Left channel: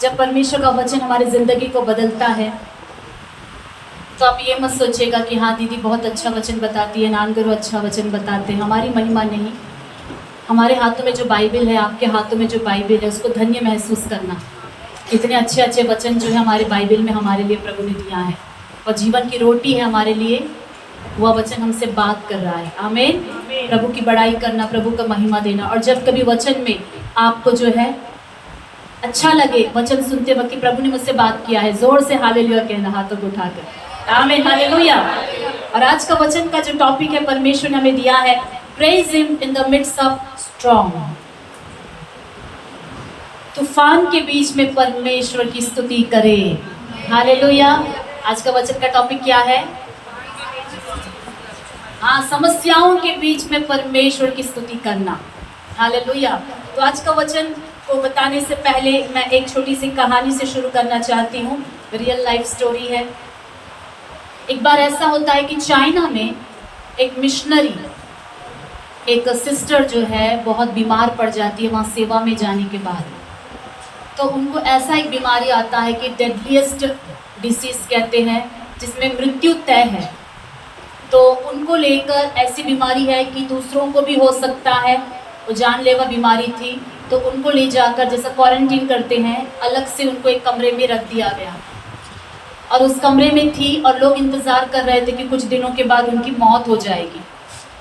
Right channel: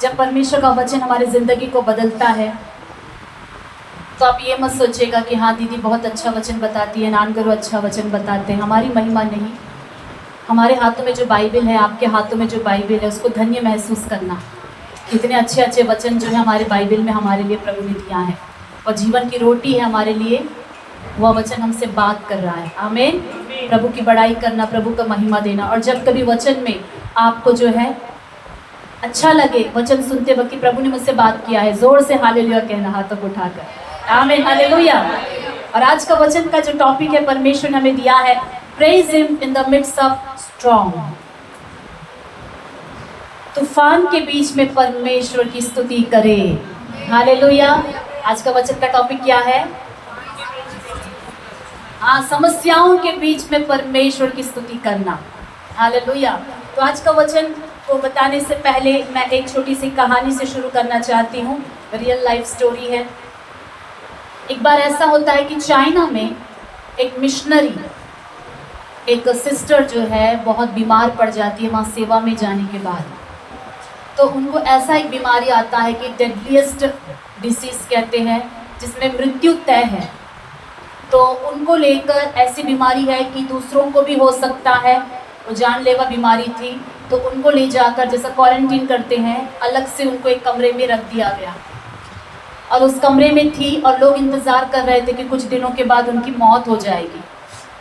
जब परमेश्वर का वचन हमारी ज़िंदगी को बदलता है तो आप ये मत सोचिएगा कि हाँ दीदी बहुत अच्छा वचन बताती है, नान गुरु अच्छा वचन बताते हैं। हमारी महिमा नहीं, हमारे हाथों में जो बाइबल है, आपके हाथों में जो बाइबल है, उसको धन्य महसूस करना। कितने अच्छे अच्छे वचन जो है हमारे बाइबल में हमारे लिए प्रभु ने दिया है, और जीवन की रोटी है हमारे लिए। वह वचन हमसे बात कर रहा है। आमीन। प्रभु की बड़ाई करना, प्रभु का महिमा देना। और जब कभी वचन में आपको जो है अच्छा लगे, वचन सुनते वक्त कि प्रभु ने मुझसे बात किया है, जोर से हालेलुया कहना, हाथों को उठाकर आमीन, हालेलुया। और आज का वचन का जो टॉपिक है परमेश्वर ने हमें दिया है, praise him in the midst of storm. तूफान के बीच में परमेश्वर की स्तुति करे। हालेलुया। आज का वचन का टॉपिक क्या है? हाँ, समस्याओं के बीच में परमेश्वर की स्तुति करना। हालेलुया। तो आज का वचन को बताने से पहले मैं एक छोटी सी कहानी से शुरू करना चाहती हूँ। रियल लाइफ स्टोरी है। एक बार ऐसा होता है कि चाइना में एक मिशनरी, एक सिस्टर जो है बहुत बीमार पड़ जाती है वहाँ सेवा में जाने के बाद। तो उनको ऐसा एक बीमारी आता है कि डेडलीस्ट डिसीज कहते हैं, जिसमें मृत्यु तय है। तो उनको लेकर ऐसी बीमारी है कि दूसरों को भी हो सकता है, वो जानलेवा बीमारी थी। तो उनको ले जाकर जैसा क्वारंटीन करते हैं, अलग से उनको एक कमरे में रख दिया गया। और उस कमरे में थी और लोग इंतज़ार कर रहे थे कि कुछ दिनों के बाद उनकी मौत हो जाएगी।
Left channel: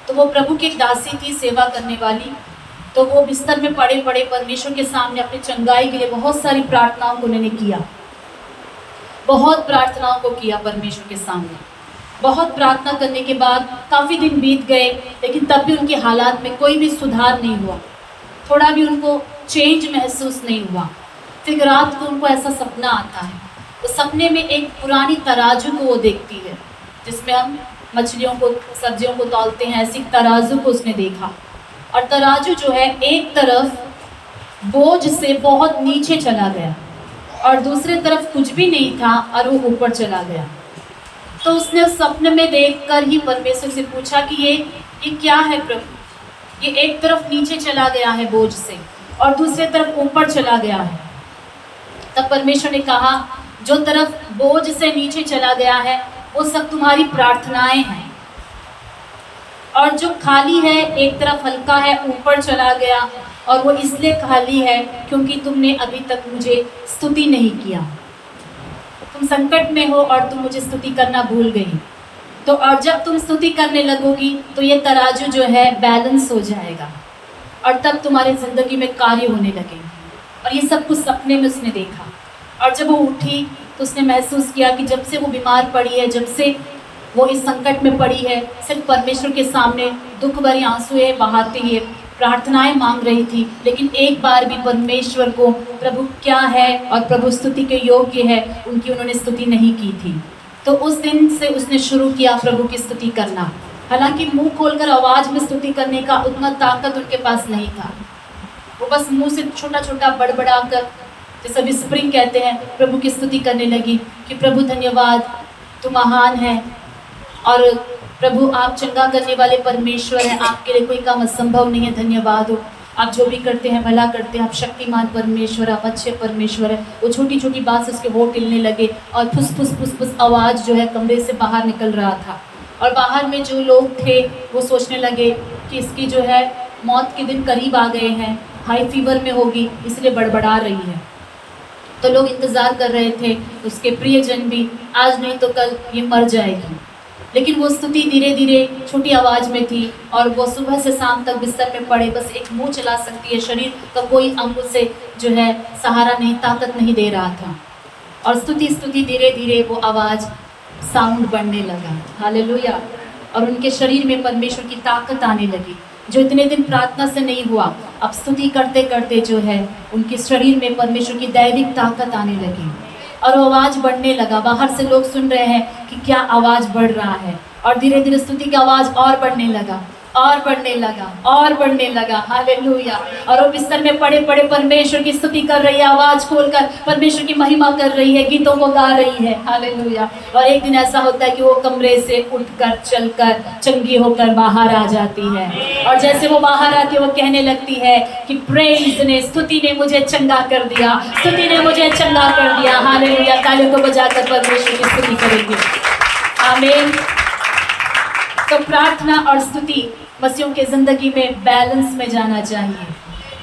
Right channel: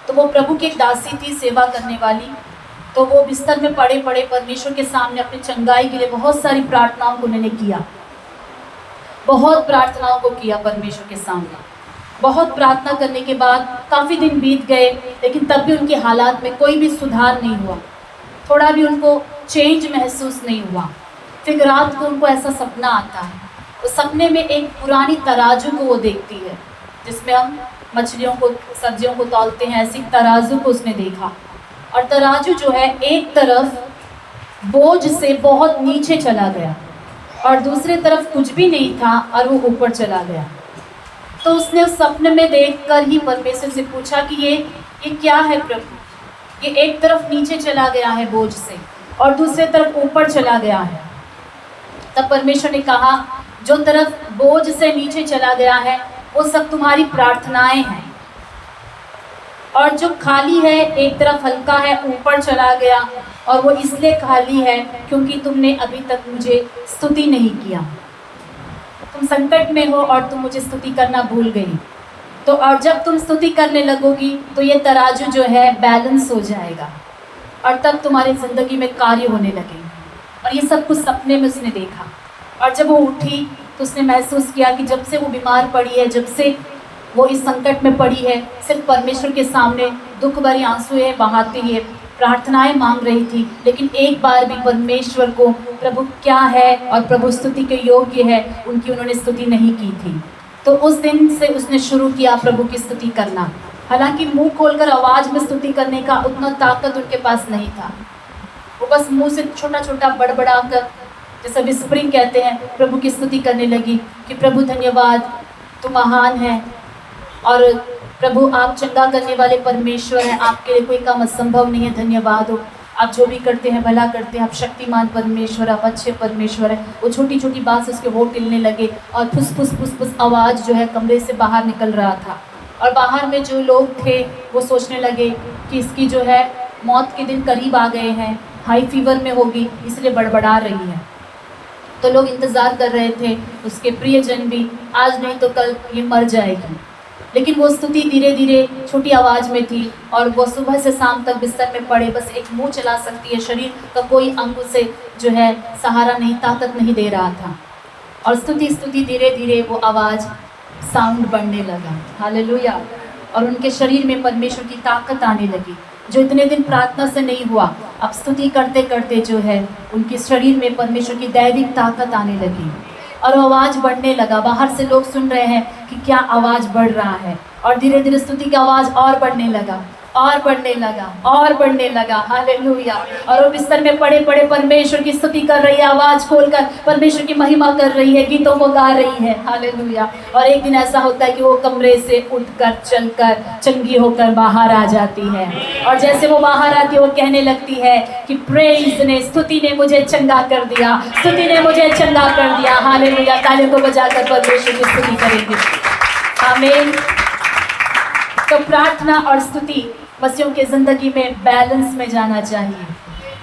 तो वो प्रभु की एक दासी थी, सेवा करने वाली। तो वो बिस्तर में पड़े पड़े परमेश्वर के सामने अपनी चंगाई के लिए बहुत सारी प्रार्थनाओं को उन्होंने किया, बहुत प्रार्थनाओं को किया परमेश्वर के सामने। बहुत प्रार्थना करने के बाद काफ़ी दिन बीत गए, लेकिन तब भी उनके हालात में कोई भी सुधार नहीं हुआ, थोड़ा भी उनको चेंज महसूस नहीं हुआ। फिर रात को उनको ऐसा सपना आता है। तो सपने में एक पुरानी तराजू को वो देखती है, जिसमें हम मछलियों को, सब्जियों को तौलते हैं, ऐसी तराजू को उसने देखा। और तराजू जो है एक तरफ बोझ से बहुत नीचे चला गया और दूसरे तरफ कुछ भी नहीं था और वो ऊपर चला गया। तो उसने सपने में देखकर ही परमेश्वर से पूछा कि ये क्या है प्रभु? ये एक तरफ नीचे चला गया है बोझ से और दूसरे तरफ ऊपर चला गया है। तब परमेश्वर ने कहा, जो तरफ बोझ से नीचे चला गया है वो सब तुम्हारी प्रार्थनाएं हैं, और जो खाली है एक तरफ हल्का है ऊपर चला गया, और वो इसलिए खाली है क्योंकि तुमने अभी तक मुझे स्तुति नहीं किया। तुम संकट में हो और तुम मुझे स्तुति करना भूल गई। तो और जब तुम स्तुति करने लगोगी तो ये तराजू जो है बैलेंस हो जाएगा और तब तुम्हारी ज़िंदगी में कार्य होने लगेंगे। और ये सब कुछ सपने में उसने देखा। और जब वो उठी तो उसने महसूस किया कि जब से वो बीमार पड़ी है, जब से वो इस संकट में पड़ी है, सिर्फ परमेश्वर के सामने दुख भरी आंसुएं बहाते हुए प्रार्थनाएं मांग रही थी, लेकिन एक बार भी परमेश्वर को प्रभु क्या है और प्रभु स्तुति के योग्य है उनकी उन्होंने स्तुति नहीं की थी। तो उस दिन से उसने शुरू किया प्रभु की स्तुति करना। हालांकि मुंह खोलकर आवाज़ में स्तुति करने का उतना ताकत उनके पास नहीं था। वो बस मुंह से छोटा छोटा बड़बड़ा कर, जैसे विस्परिंग कहते हैं, प्रभु की स्तुति करने लगी कि प्रभु धन्यवाद, तू महान है, और प्रभु आप चंगा करने वाले परमेश्वर हैं, आपके लिए कोई काम असंभव नहीं है, धन्यवाद हो, आप जो भी करते हैं भला करते हैं, आप शक्तिमान परमेश्वर, आप अच्छे परमेश्वर है। वो छोटी छोटी बात से उसके होंठ हिलने लगे और फुस फुस फुस फुस आवाज़ जो है कमरे से बाहर निकल रहा था। और बाहर में जो लोग थे वो सोचने लगे कि इसकी जो है मौत के दिन करीब आ गए हैं, हाई फीवर में होगी इसलिए बड़बड़ा रही है। तो लोग इंतज़ार कर रहे थे, उसके प्रियजन भी, आज नहीं तो कल ये मर जाएगी। लेकिन वो स्तुति धीरे धीरे छोटी आवाज़ में थी और वो सुबह से शाम तक बिस्तर में पड़े, बस एक मुंह चला सकती है, शरीर का कोई अंग से जो है सहारा नहीं, ताकत नहीं दे रहा था। और स्तुति स्तुति धीरे धीरे वो आवाज़ साउंड बढ़ने लगा। हालेलुया। और उनके शरीर में परमेश्वर की ताकत आने लगी, जो इतने दिन प्रार्थना से नहीं हुआ। अब स्तुति करते करते जो है उनके शरीर में परमेश्वर की दैविक ताकत आने लगी और आवाज़ बढ़ने लगा। बाहर से लोग सुन रहे हैं कि क्या आवाज़ बढ़ रहा है, और धीरे धीरे स्तुति की आवाज़ और बढ़ने लगा। और बढ़ने लगा और बढ़ने लगा। हालेलुया। और वो बिस्तर में पड़े पड़े परमेश्वर की स्तुति कर रही है, आवाज खोलकर परमेश्वर की महिमा कर रही है, गीतों को गा रही है। हालेलुया। और एक दिन ऐसा होता है कि वो कमरे से उठकर चलकर चंगी होकर बाहर आ जाती है, और जैसे वो बाहर आती है वो कहने लगती है कि प्रेज ने, स्तुति ने मुझे चंगा कर दिया, स्तुति ने मुझे चंगा कर दिया। हालेलुया। तालियों को बजाकर परमेश्वर की स्तुति करेंगे। आमीन। तो प्रार्थना और स्तुति मसीहों के जिंदगी में बैलेंस में जाना चाहिए।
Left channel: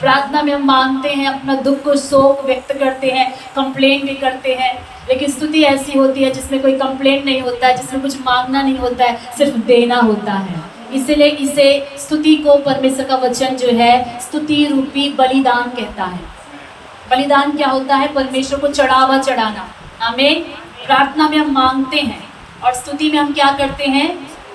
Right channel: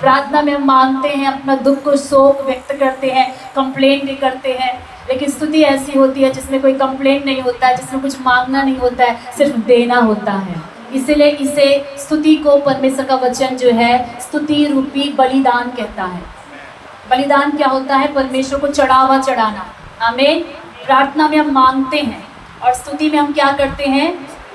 प्रार्थना में हम मांगते हैं, अपना दुख को शोक व्यक्त करते हैं, कंप्लेंट भी करते हैं, लेकिन स्तुति ऐसी होती है जिसमें कोई कंप्लेंट नहीं होता है, जिसमें कुछ मांगना नहीं होता है, सिर्फ देना होता है। इसलिए इसे स्तुति को परमेश्वर का वचन जो है स्तुति रूपी बलिदान कहता है। बलिदान क्या होता है? परमेश्वर को चढ़ावा चढ़ाना। आमीन। प्रार्थना में हम मांगते हैं और स्तुति में हम क्या करते हैं?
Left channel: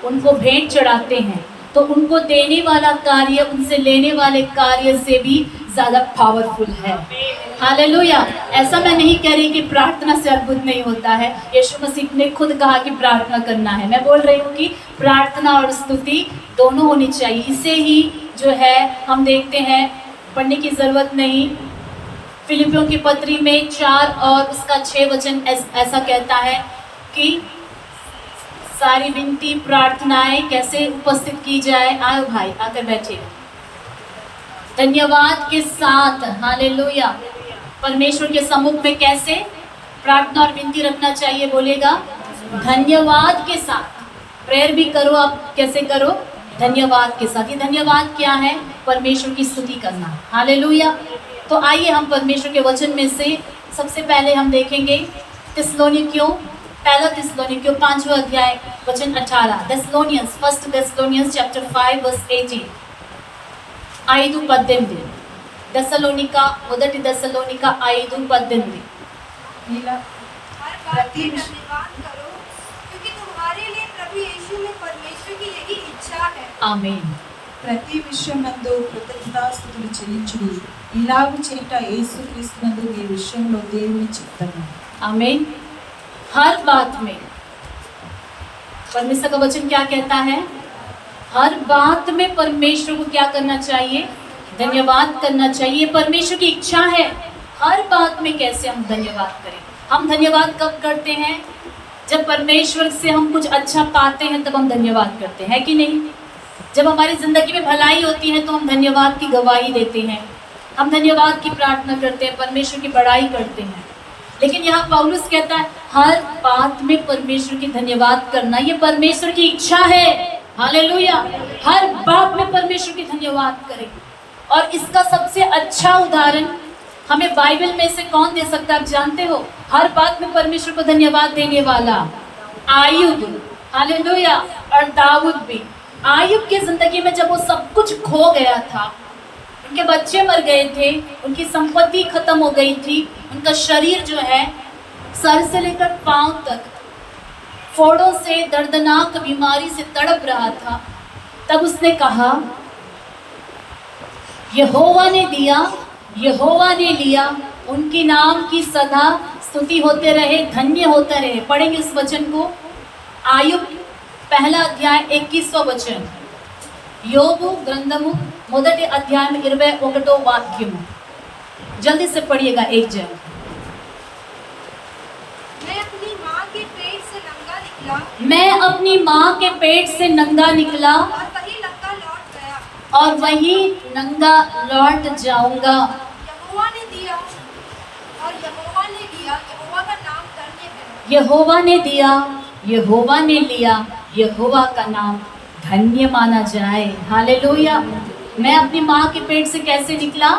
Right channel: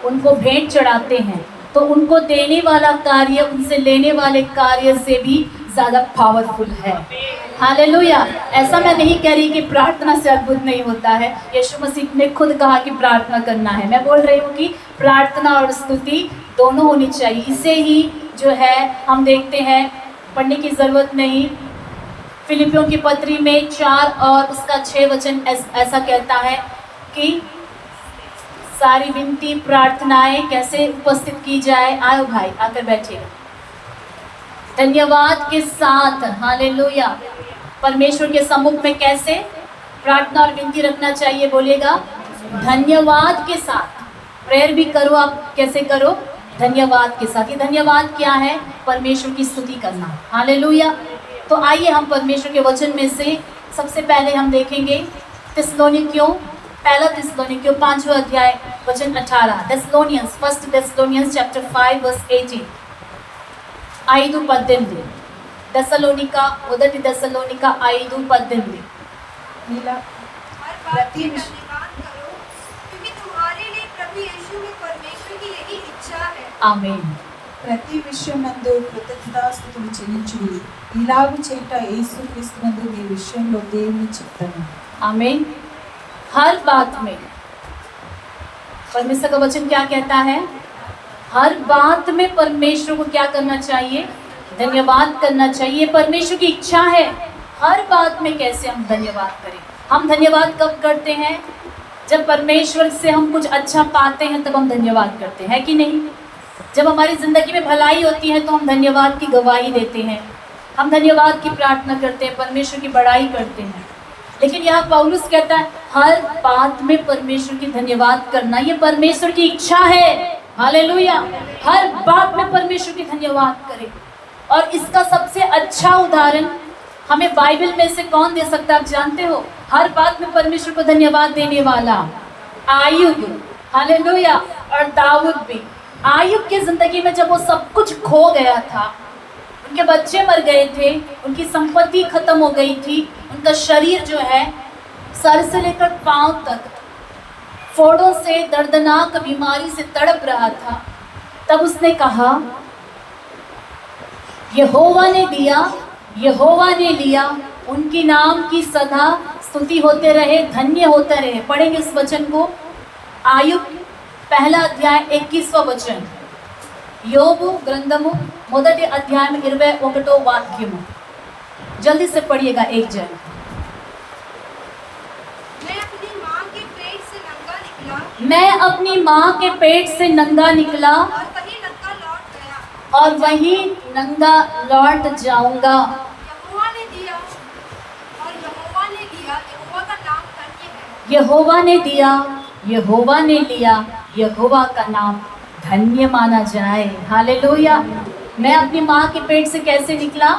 उनको भेंट चढ़ाते हैं। तो उनको देने वाला कार्य उनसे लेने वाले कार्य से भी ज़्यादा पावरफुल है। हालेलुया। ऐसा मैं नहीं कह रही कि प्रार्थना से अद्भुत नहीं होता है। यीशु मसीह ने खुद कहा कि प्रार्थना करना है। मैं बोल रही हूँ कि प्रार्थना और स्तुति दोनों होनी चाहिए। इसे ही जो है हम देखते हैं, पढ़ने की ज़रूरत नहीं। फिलिपियों की पत्री में 4 और उसका 6 वचन ऐसा कहता है कि सारी विनती प्रार्थनाएं कैसे उपस्थित की जाए। आओ भाई, आकर बैठिए। धन्यवाद के साथ। हालेलुया। परमेश्वर के सम्मुख में कैसे प्रार्थना और विनती रखना चाहिए? बोलिएगा, धन्यवाद के साथ। प्रेयर भी करो आप, कैसे करो? धन्यवाद के साथ। ये धन्यवाद क्या है? परमेश्वर की स्तुति करना। हालेलुया। तो आइए हम परमेश्वर के वचन में से सबसे पहले हम देखेंगे थिस्सलुनीकियों, पहला थिस्सलुनीकियों 5वां अध्याय वचन 18। थिस्सलुनियंस, 1 थिस्सलुनियंस चैप्टर 5 वर्स 18। 5:18। దెస్సలోనిక, మొదటి దెస్సలోనిక 5:18। हर बात में धन्यवाद करो, क्योंकि तुम्हारे लिए प्रभु यीशु में परमेश्वर की यही इच्छा है। आमीन। ప్రతి విషయమందు కృతజ్ఞతాస్తుతులు చెల్లించుడి, ఇలాగు చేట యేసుక్రీస్తునందు మీ విషయంలో దేవుని చిత్తము। आमीन। हर बात में परमेश्वर का वचन क्या कहता है? हर बात में परमेश्वर को क्या करना चाहिए? धन्यवाद करना चाहिए। परमेश्वर की इच्छा है हर बात में कैसे हम धन्यवाद करें। हम धन्यवाद कब करते हैं? जब परमेश्वर से हम कुछ अच्छा पाते हैं तब हम धन्यवाद करते हैं, कि नहीं? जब हमारी ज़िंदगी में भलाई होती है तो हम धन्यवाद की गवाही देते हैं, हम धन्यवाद की प्रार्थना करते हैं, परमेश्वर की बड़ाई करते हैं। लेकिन यहाँ पौलुस कहता है हर बात में परमेश्वर की धन्यवाद करना, ये परमेश्वर की इच्छा है। हालेलुया। हर बात में परमेश्वर की धन्यवाद करें। और इसका सबसे अच्छा उदाहरण हमें बाइबल में से कौन दे सकता है? आप जानते हो, हर बात में परमेश्वर को धन्यवाद देने वाला आयुब। हालेलुया। और दाऊद भी। आयुब की जिंदगी में जब वो सब कुछ खो गया था, उनके बच्चे मर गए थे, उनकी संपत्ति खत्म हो गई थी, उनका शरीर जो है सर से लेकर पांव तक फोड़ों से, दर्दनाक बीमारी से तड़प रहा था, तब उसने कहा यहोवा ने दिया, यहोवा ने लिया, उनकी नाम की सदा स्तुति होते रहे, धन्य होते रहे। पढ़ेंगे इस वचन को। आयुब पहला अध्याय 21वां वचन। యోబు గ్రంథము మొదటి అధ్యాయం 21వ వాక్యము। जल्दी से पढ़िएगा एक जन। मैं अपनी माँ के पेट से नंगा निकला, मैं अपनी माँ के पेट से नंगा निकला और वही नंगा लौट गया। और वही नंगा लौट जाऊंगा। यहोवा ने दिया और यहोवा ने लिया, यहोवा का नाम धन्य है। यहोवा ने दिया, यहोवा ने लिया, यहोवा का नाम धन्य माना जाए। हालेलुया। मैं अपनी माँ के पेट से कैसे निकला?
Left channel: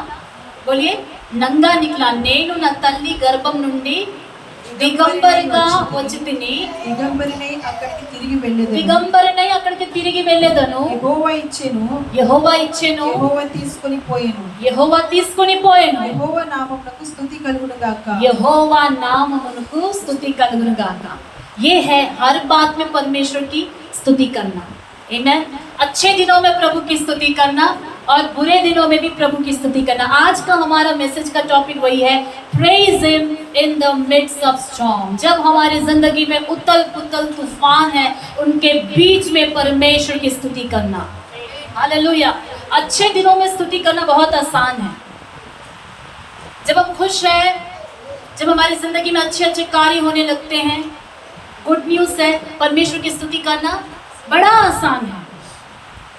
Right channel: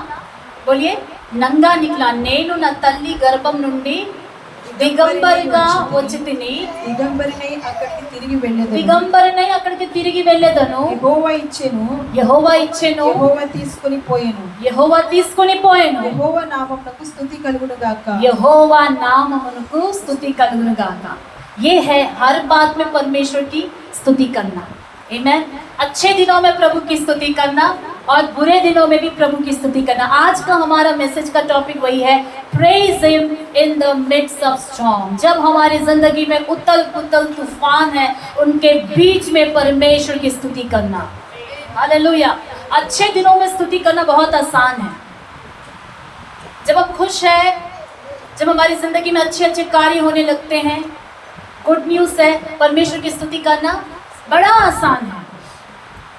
बोलिए, నంగా నికలా। నేను నా తల్లి గర్భం నుండి దిగంబరిగా వచ్చి తిని, దిగంబరినై అక్కడికి తిరిగి వెళ్ళెదను, దిగంబరినై అక్కడికి తిరిగి వెళ్ళెదను। యెహోవా ఇచ్చెను, యెహోవా ఇచ్చెను, యెహోవా తీసుకొని పోయెను, యెహోవా తీసుకొని పోయెను। యెహోవా నామమునకు స్తుతి కలుగును గాక। యెహోవా నామమునకు స్తుతి కలుగును గాక। ये है हर बात में परमेश्वर की स्तुति करना। आमीन। अच्छे दिनों में प्रभु की स्तुति करना और बुरे दिनों में भी प्रभु की स्तुति करना। आज का हमारा मैसेज का टॉपिक वही है, praise him in the midst of storm. जब हमारी जिंदगी में उथल पुथल तूफान है, उनके बीच में परमेश्वर की स्तुति करना। हालेलुया। अच्छे दिनों में स्तुति करना बहुत आसान है। जब हम खुश हैं, जब हमारी जिंदगी में अच्छे अच्छे कार्य होने लगते हैं, गुड न्यूज़ है, परमेश्वर की स्तुति करना बड़ा आसान है।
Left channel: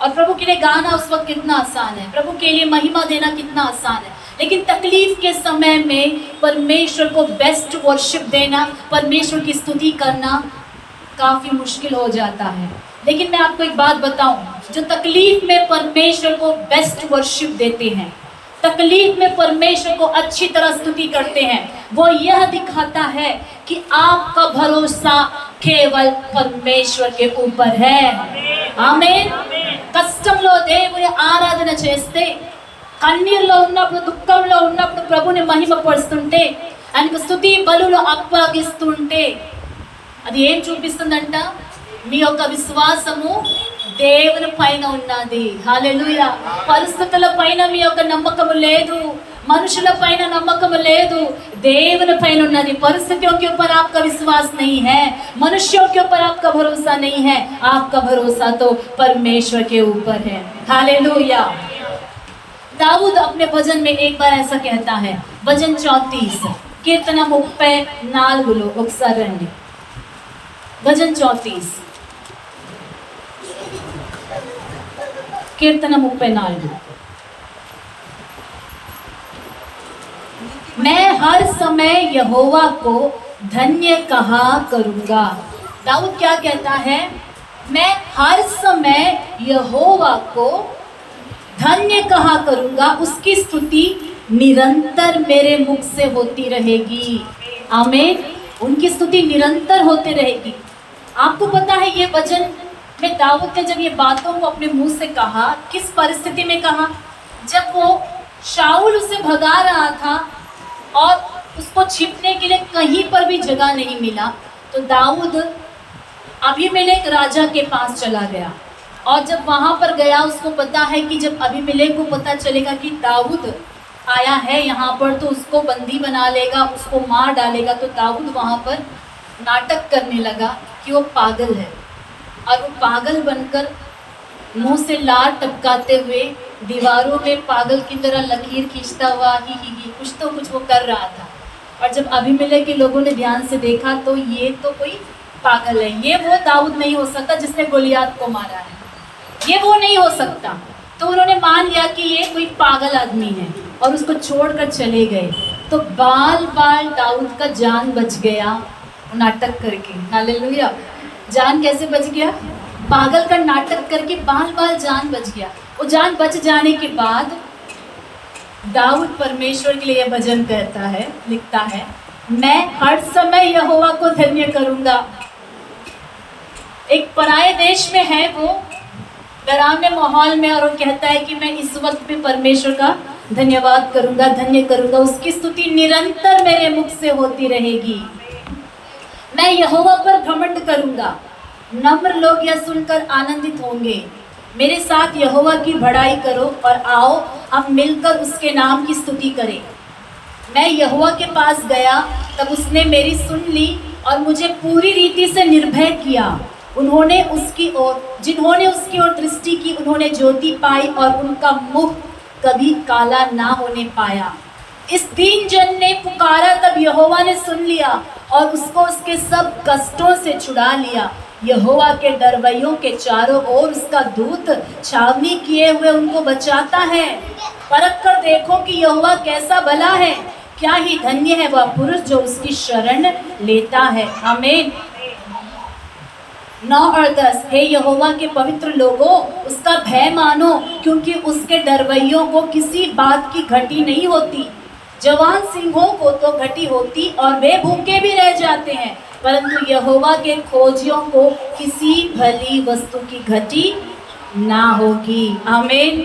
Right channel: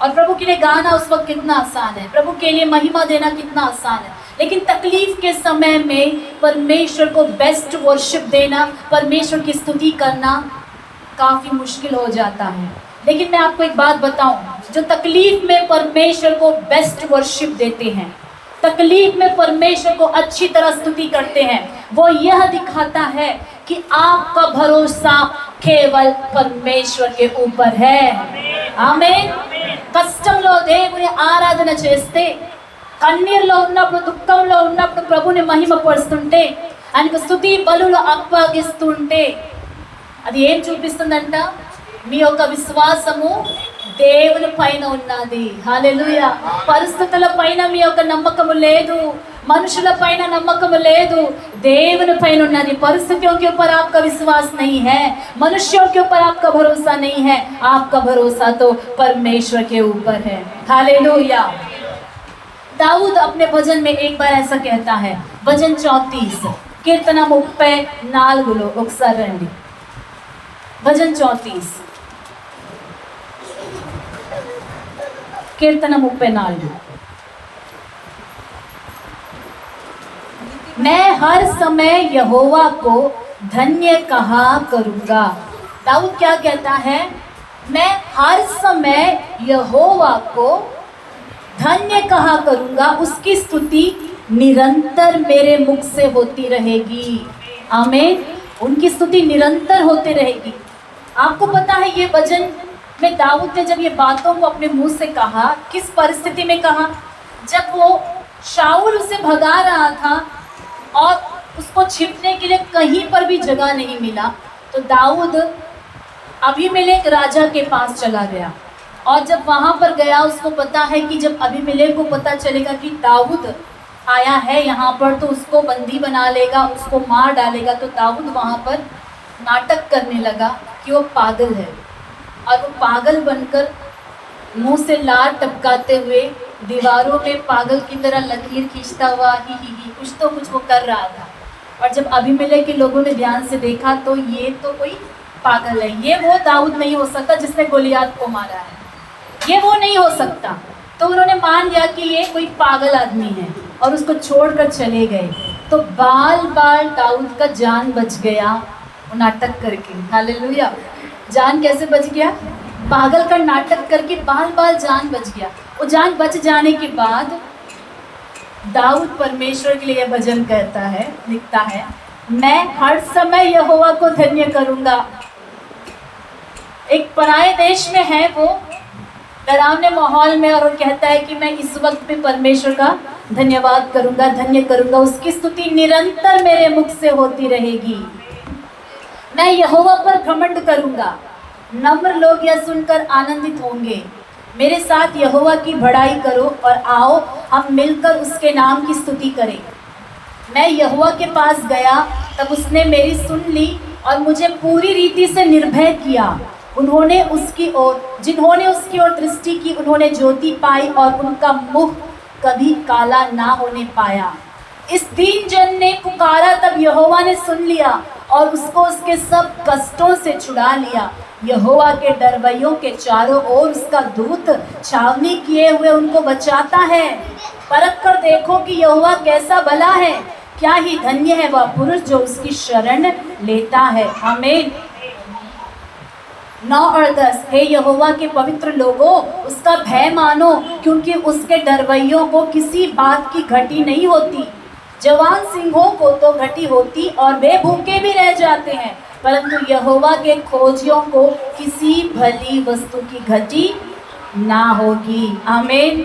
और प्रभु के लिए गाना उस वक्त कितना आसान है, प्रभु के लिए महिमा देना कितना आसान है। लेकिन तकलीफ के समय में परमेश्वर को बेस्ट वर्शिप देना, परमेश्वर की स्तुति करना काफ़ी मुश्किल हो जाता है। लेकिन मैं आपको एक बात बताऊं, जो तकलीफ में परमेश्वर को बेस्ट वर्शिप देते हैं, तकलीफ में परमेश्वर को अच्छी तरह स्तुति करते हैं, वो यह दिखाता है कि आपका भरोसा केवल परमेश्वर के ऊपर है। ఆమేన్। కష్టంలో దేవుని ఆరాధన చేస్తే, కన్నీరులో ఉన్నప్పుడు, దుఃఖంలో ఉన్నప్పుడు ప్రభుని మహిమపరుస్తుంటే, ఆయనకు స్తుతి బలులు అప్పగిస్తుంటే అది ఏం చూపిస్తుందంట? మీ యొక్క విశ్వాసము దేవుని పైన ఉన్నది। హల్లెలూయా। పరిస్థితుల పైన మీ యొక్క నమ్మకము లేదు, मनुष्य पैन नम्मकम लेदु, దేవుని పైన ఉన్నది। परिस्थितियों के ऊपर आपका विश्वास नहीं है, मनुष्यों के ऊपर आपका भरोसा नहीं है, आपका भरोसा तो परमेश्वर के ऊपर है। हालेलुया। दाऊद अपने भजन में एक बार ऐसा कहता है, भजन 34 कीर्तन 34 ఒకసారి రండి। भजन 34 कीर्तन 34। मैं हर समय यहोवा को धन्य कहा करूँगा। दाऊद क्या कहता है? मैं हर समय यहोवा को धन्य कहा करूँगा, उसकी स्तुति निरंतर मेरे मुख से होती रहेगी। आमीन। उनकी स्तुति निरंतर होती रहेगी। आपको पता है ये भजन में दाऊद ने जब ये बातों को अपने मुंह से कहा, किस परिस्थिति में कहा? जब वो शाऊल उसे भगा रहा था और उसको छिपने के लिए कहीं पर भी जगह नहीं मिला, तो दाऊद अबीमेलेक राजा के पास चला गया। और जब वहाँ पर गया, उसको पता है कि जब अबीमेलेक को पता चलेगा कि दाऊद आया है यहाँ पर, तो उसको बंदी बना लेगा, उसको मार डालेगा। तो दाऊद वहाँ पर नाटक करने लगा कि वो पागल है, और वो पागल बनकर मुंह से लार टपकाते हुए दीवारों में पागल की तरह लकीर खींचता हुआ ही कुछ तो कुछ वो कर रहा था। और जब अबीमेलेक के लोगों ने ध्यान से देखा तो ये तो कोई पागल है, ये वो दाऊद नहीं हो सकता जिसने गोलियात को मारा है, ये वो नहीं हो सकता। तो उन्होंने मान लिया कि ये कोई पागल आदमी है और उसको छोड़कर चले गए। तो बाल बाल दाऊद का जान बच गया वो नाटक करके। हालेलुया। जान कैसे बच गया? पागल का नाटक करके बाल बाल जान बच गया। वो जान बच जाने के बाद दाऊद परमेश्वर के लिए भजन कहता है, लिखता है, मैं हर समय यहोवा को धन्य करूँगा। एक पराये देश में है वो, डरावने माहौल में, और वो कहता है कि मैं इस वक्त पे परमेश्वर का धन्यवाद करूँगा, धन्य करूँगा, उसकी स्तुति निरंतर मेरे मुख से होती रहेगी। मैं यहोवा पर घमंड करूँगा, नम्र लोग यह सुनकर आनंदित होंगे। मेरे साथ यहोवा की बड़ाई करो और आओ हम मिलकर उसके नाम की स्तुति करें। मैं यहोवा के पास गया, तब उसने मेरी सुन ली और मुझे पूरी रीति से निर्भय किया। जिन्होंने उसकी ओर दृष्टि की, उन्होंने ज्योति पाई और उनका मुख कभी काला ना होने पाया। इस दीन जन ने पुकारा, तब यहोवा ने सुन लिया और उसको उसके सब कष्टों से छुड़ा लिया। यहोवा के डरवैयों के चारों ओर उसका दूत छावनी किए हुए उनको बचाता है। परख कर देखो कि यहोवा कैसा भला है, क्या ही धन्य है वह पुरुष जो उसकी शरण लेता है। आमीन। 9 और 10। हे यहोवा के पवित्र लोगों, उसका भय मानो, क्योंकि उसके डरवैयों को किसी बात की घटी नहीं होती। जवान सिंहों को तो घटी होती और वे भूखे भी रह जाते हैं, परंतु यहोवा के खोजियों को किसी भली वस्तु की घटी ना होगी। आमीन।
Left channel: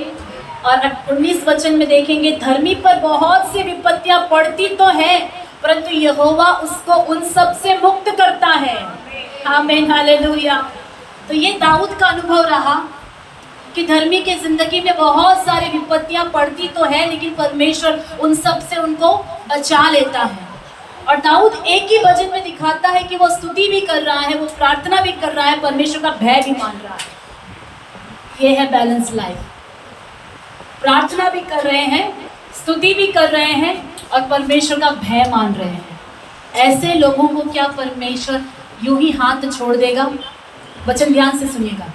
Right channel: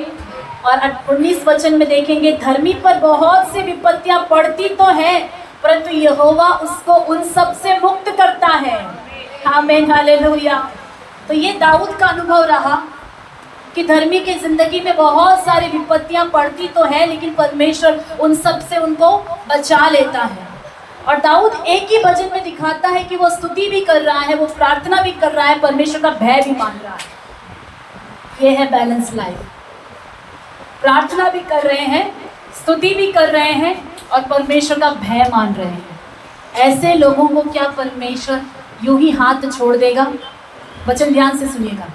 और 19 वचन में देखेंगे, धर्मी पर बहुत सी विपत्तियां पड़ती तो है, परंतु यहोवा उसको उन सब से मुक्त करता है। आमीन। हालेलुया। तो ये दाऊद का अनुभव रहा कि धर्मी की जिंदगी में बहुत सारी विपत्तियां पड़ती तो है, लेकिन परमेश्वर उन सब से उनको बचा लेता है। और दाऊद एक ही भजन में दिखाता है कि वो स्तुति भी कर रहा है, वो प्रार्थना भी कर रहा है, परमेश्वर का भय भी मान रहा है। ये है बैलेंस लाइफ। प्रार्थना भी कर रहे हैं, स्तुति भी कर रहे हैं और परमेश्वर का भय मान रहे हैं। ऐसे लोगों को क्या परमेश्वर यूं ही हाथ छोड़ देगा? वचन ध्यान से सुनिएगा।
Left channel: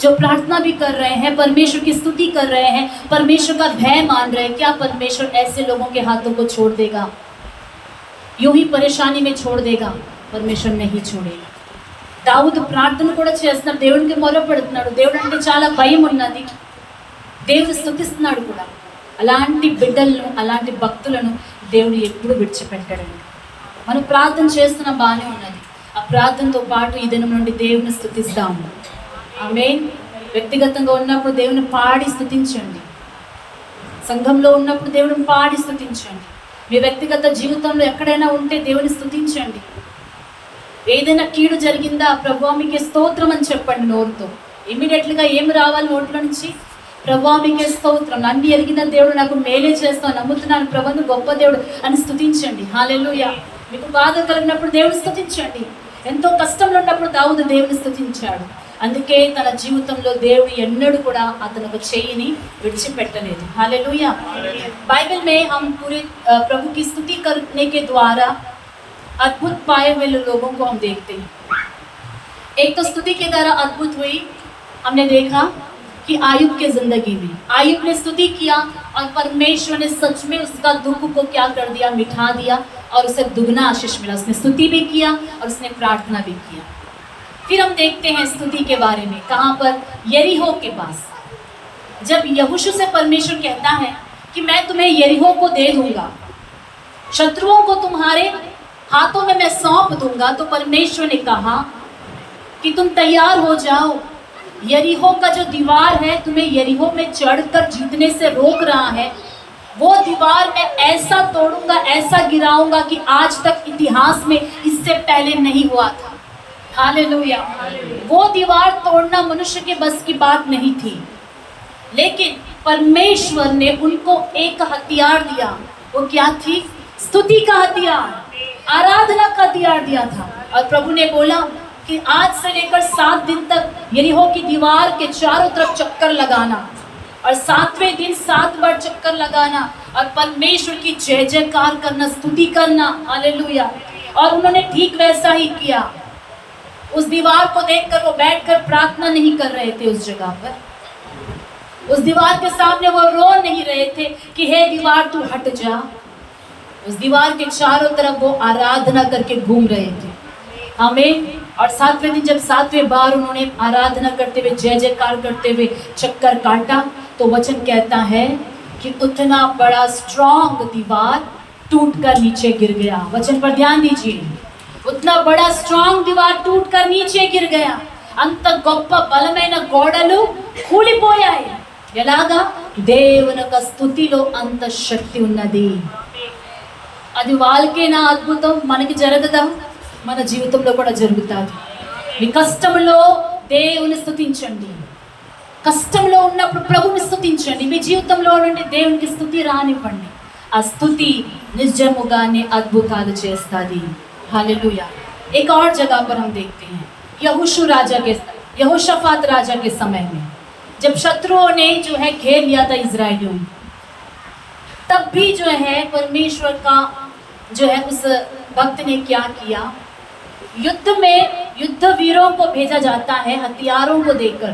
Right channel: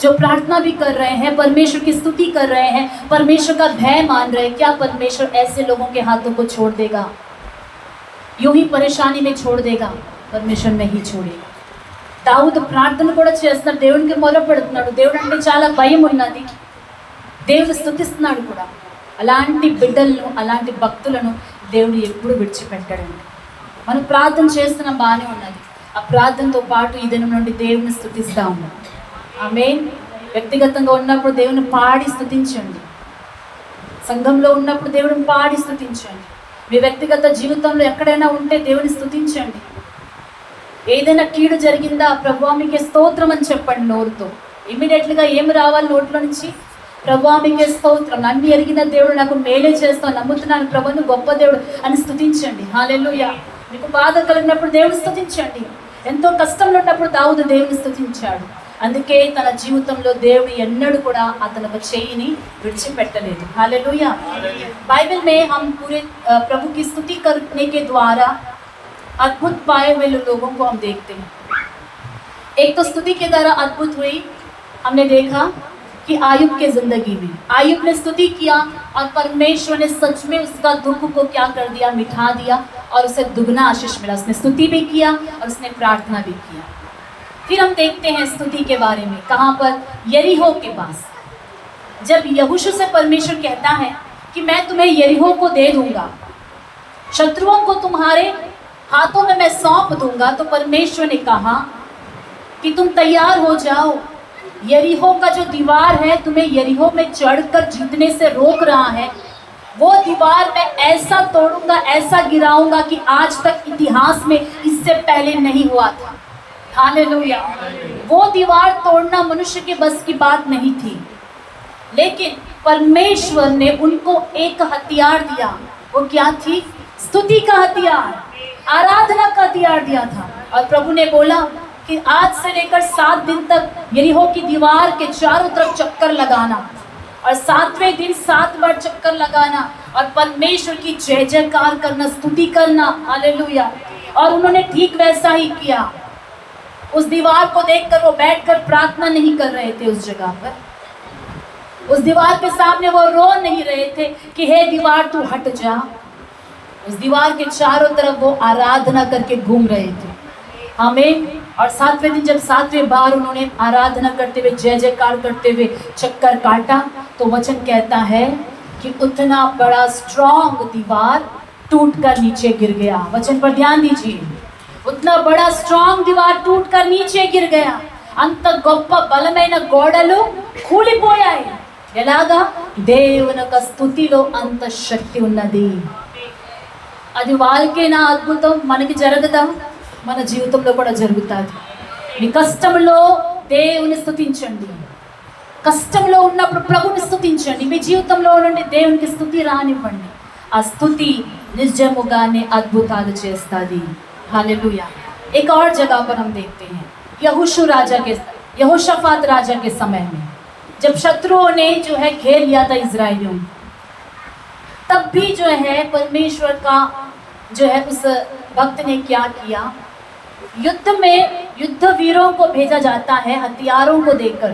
जो प्रार्थना भी कर रहे हैं, परमेश्वर की स्तुति कर रहे हैं, परमेश्वर का भय मान रहे हैं, क्या परमेश्वर ऐसे लोगों के हाथों को छोड़ देगा? यूं ही परेशानी में छोड़ देगा? परमेश्वर नहीं छोड़ेगा। దావీదు ప్రార్థన కూడా చేస్తున్నాడు, దేవునికి మొరపెడుతున్నాడు, దేవుడు అంటే చాలా భయం ఉన్నది, దేవుడు స్తుతిస్తున్నాడు కూడా. అలాంటి బిడ్డలను, అలాంటి భక్తులను దేవుడు ఎప్పుడు విడిచిపెట్టాడండి. మనం ప్రార్థన చేస్తున్నాం, బాగానే ఉన్నది. ఆ ప్రార్థనతో పాటు ఈ దినం నుండి దేవుని స్తుతిస్తాము. ఆమేన్. వ్యక్తిగతంగా ఉన్నప్పుడు దేవుని పాడి స్తుతించండి. సంఘంలో ఉన్నప్పుడు దేవుని పాడి స్తుతించండి. మీ వ్యక్తిగత జీవితంలో ఎక్కడైనా ఉంటే దేవుని స్తుతించండి. ఏదైనా కీడు జరిగిందా, ప్రభువా మీకే స్తోత్రం అని చెప్పండి నోరుతో. ఇమ్మీడియట్లీగా ఏమి రావాలి నోట్లో నుంచి? ప్రభువా మీకే స్తోత్రం, నన్ను ఎరిగిన దేవుడు నాకు మేలే చేస్తాను, నమ్ముతున్నాను ప్రభువును, గొప్ప దేవుడు అని స్తుతించండి. హల్లెలూయా. మీకు బాధ కలిగినప్పుడు దేవుని స్తుతించండి. ఎంతో కష్టంలో ఉన్నప్పుడు దావీదు దేవుని స్తుతించాడు. అందుకే తన జీవితంలో దేవుడు ఎన్నడూ కూడా అతను ఒక చేయిని విడిచిపెట్టలేదు. हालेलुया। बाइबल में हम पूरे प्रभु की स्तुति करने के द्वारा अद्भुत पाए हुए लोगों को हम देखते हैं। एक तो स्तुति के द्वारा अद्भुत हुई, हमने देखा कि आयुब के जिंदगी में आयुब ने स्तुति किया और परमेश्वर ने सच में उसका दुख को क्या कर दिया, मिठा दिया और उसे दुगना आशीष मिला। उसने स्तुति भी किया और उसने प्रार्थना भी किया। फिर हम देखते हैं स्तुति के बारे में, कहाँ पर? यरीहो के पास। जब यहोशू से परमेश्वर कहता है कि मैं तुम्हें यरीहो को दे दूंगा, शत्रुओं को तुम्हारे हाथों में मैं सौंप दूंगा, तो परमेश्वर ने कहा कि तुम तैयार हो जाओ, यरीहो का जो दीवार है तुम्हें यरीहो में चढ़कर जीतने से रोक रहा है, वो दीवार मैं ऐसा तोड़ूंगा, ऐसा गिराऊंगा कि आज तक इतिहास में इससे पहले नहीं हुआ था। हालेलुया। वो दीवार तोड़ना मनुष्य के बस की बात नहीं थी, लेकिन परमेश्वर ने उनको एक हथियार दिया। वो क्या थी? स्तुति का हथियार, आराधना का हथियार दिया था। और प्रभु ने बोला कि आज से लेकर 7 दिन तक यरीहो की दीवार के चारों तरफ चक्कर लगाना और 7वें दिन 7 बार चक्कर लगाना और परमेश्वर की जय जयकार करना, स्तुति करना। हालेलुया। और उन्होंने ठीक वैसा ही किया। उस दीवार को देखकर वो बैठकर प्रार्थना नहीं कर रहे थे उस जगह पर, उस दीवार के सामने वो रो नहीं रहे थे कि हे दीवार तू हट जा। उस दीवार के चारों तरफ वो आराधना करके घूम रहे थे। हमें और 7वें दिन जब 7वें बार उन्होंने आराधना करते हुए, जय जयकार करते हुए चक्कर काटा, तो वचन कहता है कि उतना बड़ा स्ट्रॉन्ग दीवार टूटकर नीचे गिर गया। वचन पर ध्यान दीजिए। उतना बड़ा स्ट्रॉन्ग दीवार टूटकर नीचे गिर गया। అంత గొప్ప బలమైన గోడలు కూలిపోయాయి. ఎలాగా? దేవుని యొక్క స్తుతిలో అంత శక్తి ఉన్నది. అది వాళ్ళకేనా అద్భుతం? మనకి జరగదా? మన జీవితంలో కూడా జరుగుతుంది. మీ కష్టంలో దేవుని స్తుతించండి. కష్టంలో ఉన్నప్పుడు ప్రభుని స్తుతించండి. మీ జీవితంలో నుండి దేవునికి స్తుతి రానివ్వండి. ఆ స్తుతి నిజముగానే అద్భుతాలు చేస్తుంది. हालेलुया। एक और जगह पर हम देखते हैं यहोशाफात राजा के समय में, जब शत्रुओं ने जो है घेर लिया था इजराइलियों, तब भी जो है परमेश्वर का जो है उस भक्त ने क्या किया? युद्ध में युद्ध वीरों को भेजा जाता है, हथियारों को देकर,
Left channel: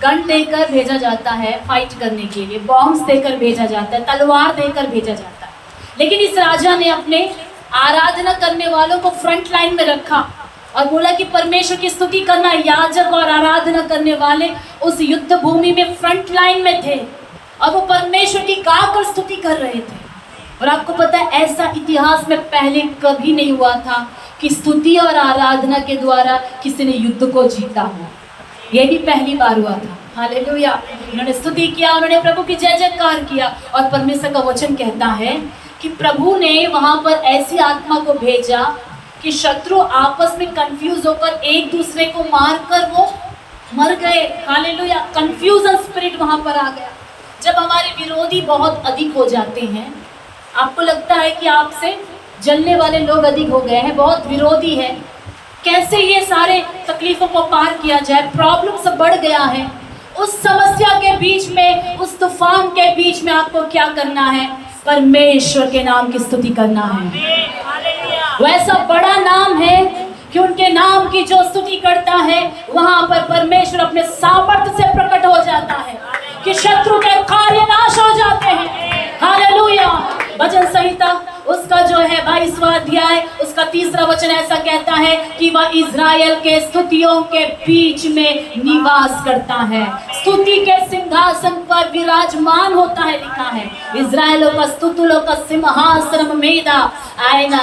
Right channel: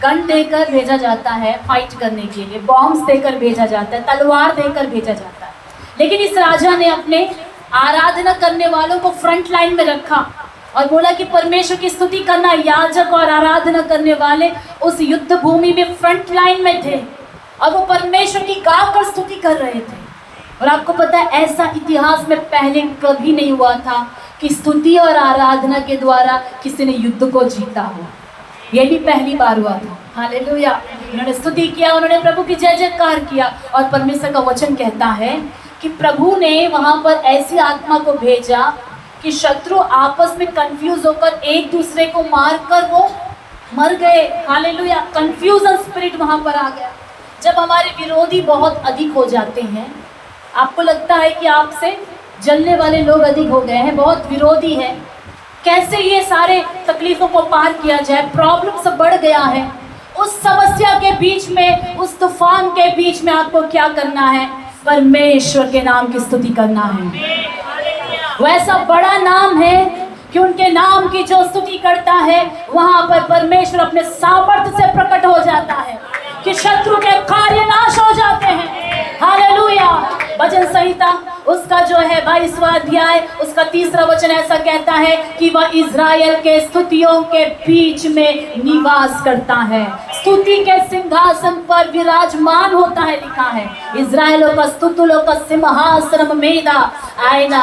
गन देकर भेजा जाता है फाइट करने के लिए, बॉम्ब्स देकर भेजा जाता है, तलवार देकर भेजा जाता है। लेकिन इस राजा ने अपने आराधना करने वालों को फ्रंट लाइन में रखा और बोला कि परमेश्वर की स्तुति करना। याजक और आराधना करने वाले उस युद्ध भूमि में फ्रंट लाइन में थे और वो परमेश्वर की गाकर स्तुति कर रहे थे। और आपको पता है ऐसा इतिहास में पहले कभी नहीं हुआ था कि स्तुति और आराधना के द्वारा किसी ने युद्ध को जीता हो। ये भी पहली बार हुआ था। हालेलुया। उन्होंने स्तुति किया, उन्होंने प्रभु की जय जयकार किया और परमेश्वर का वचन कहता है कि प्रभु ने वहाँ पर ऐसी आत्मा को भेजा कि शत्रु आपस में कंफ्यूज होकर एक दूसरे को मारकर वो मर गए। हालेलुया। कंफ्यूजन स्पिरिट वहाँ पर आ गया। जब हमारे विरोधी बहुत अधिक हो जाते हैं, आपको लगता है कि आपसे जलने वाले लोग अधिक हो गए हैं, बहुत विरोधी है, कैसे ये सारे तकलीफों को पार किया जाए। प्रॉब्लम सब बढ़ गया है। उस समस्या के बीच में, उस तूफान के बीच में आपको क्या करना है? परमेश्वर के नाम की स्तुति करना है। वैसा बड़ा नाम है कि उनके नाम की जो स्तुति करता है वहां पर परमेश्वर अपने सामर्थ्य से प्रकट हो जाता है, कि शत्रु के कार्य नाश हो जाते हैं। हालेलुया। भजन संहिता उसका जो है 22वां अध्याय उसका 3रा वचन ऐसा कहता है कि वह इज़राइल के स्तुतियों के बीच में निवास करता है, स्तुति के सिंहासन पर विराजमान होता है। लिखा है इज़राइल का स्तुతుల సింహాసనం మీద ఆయన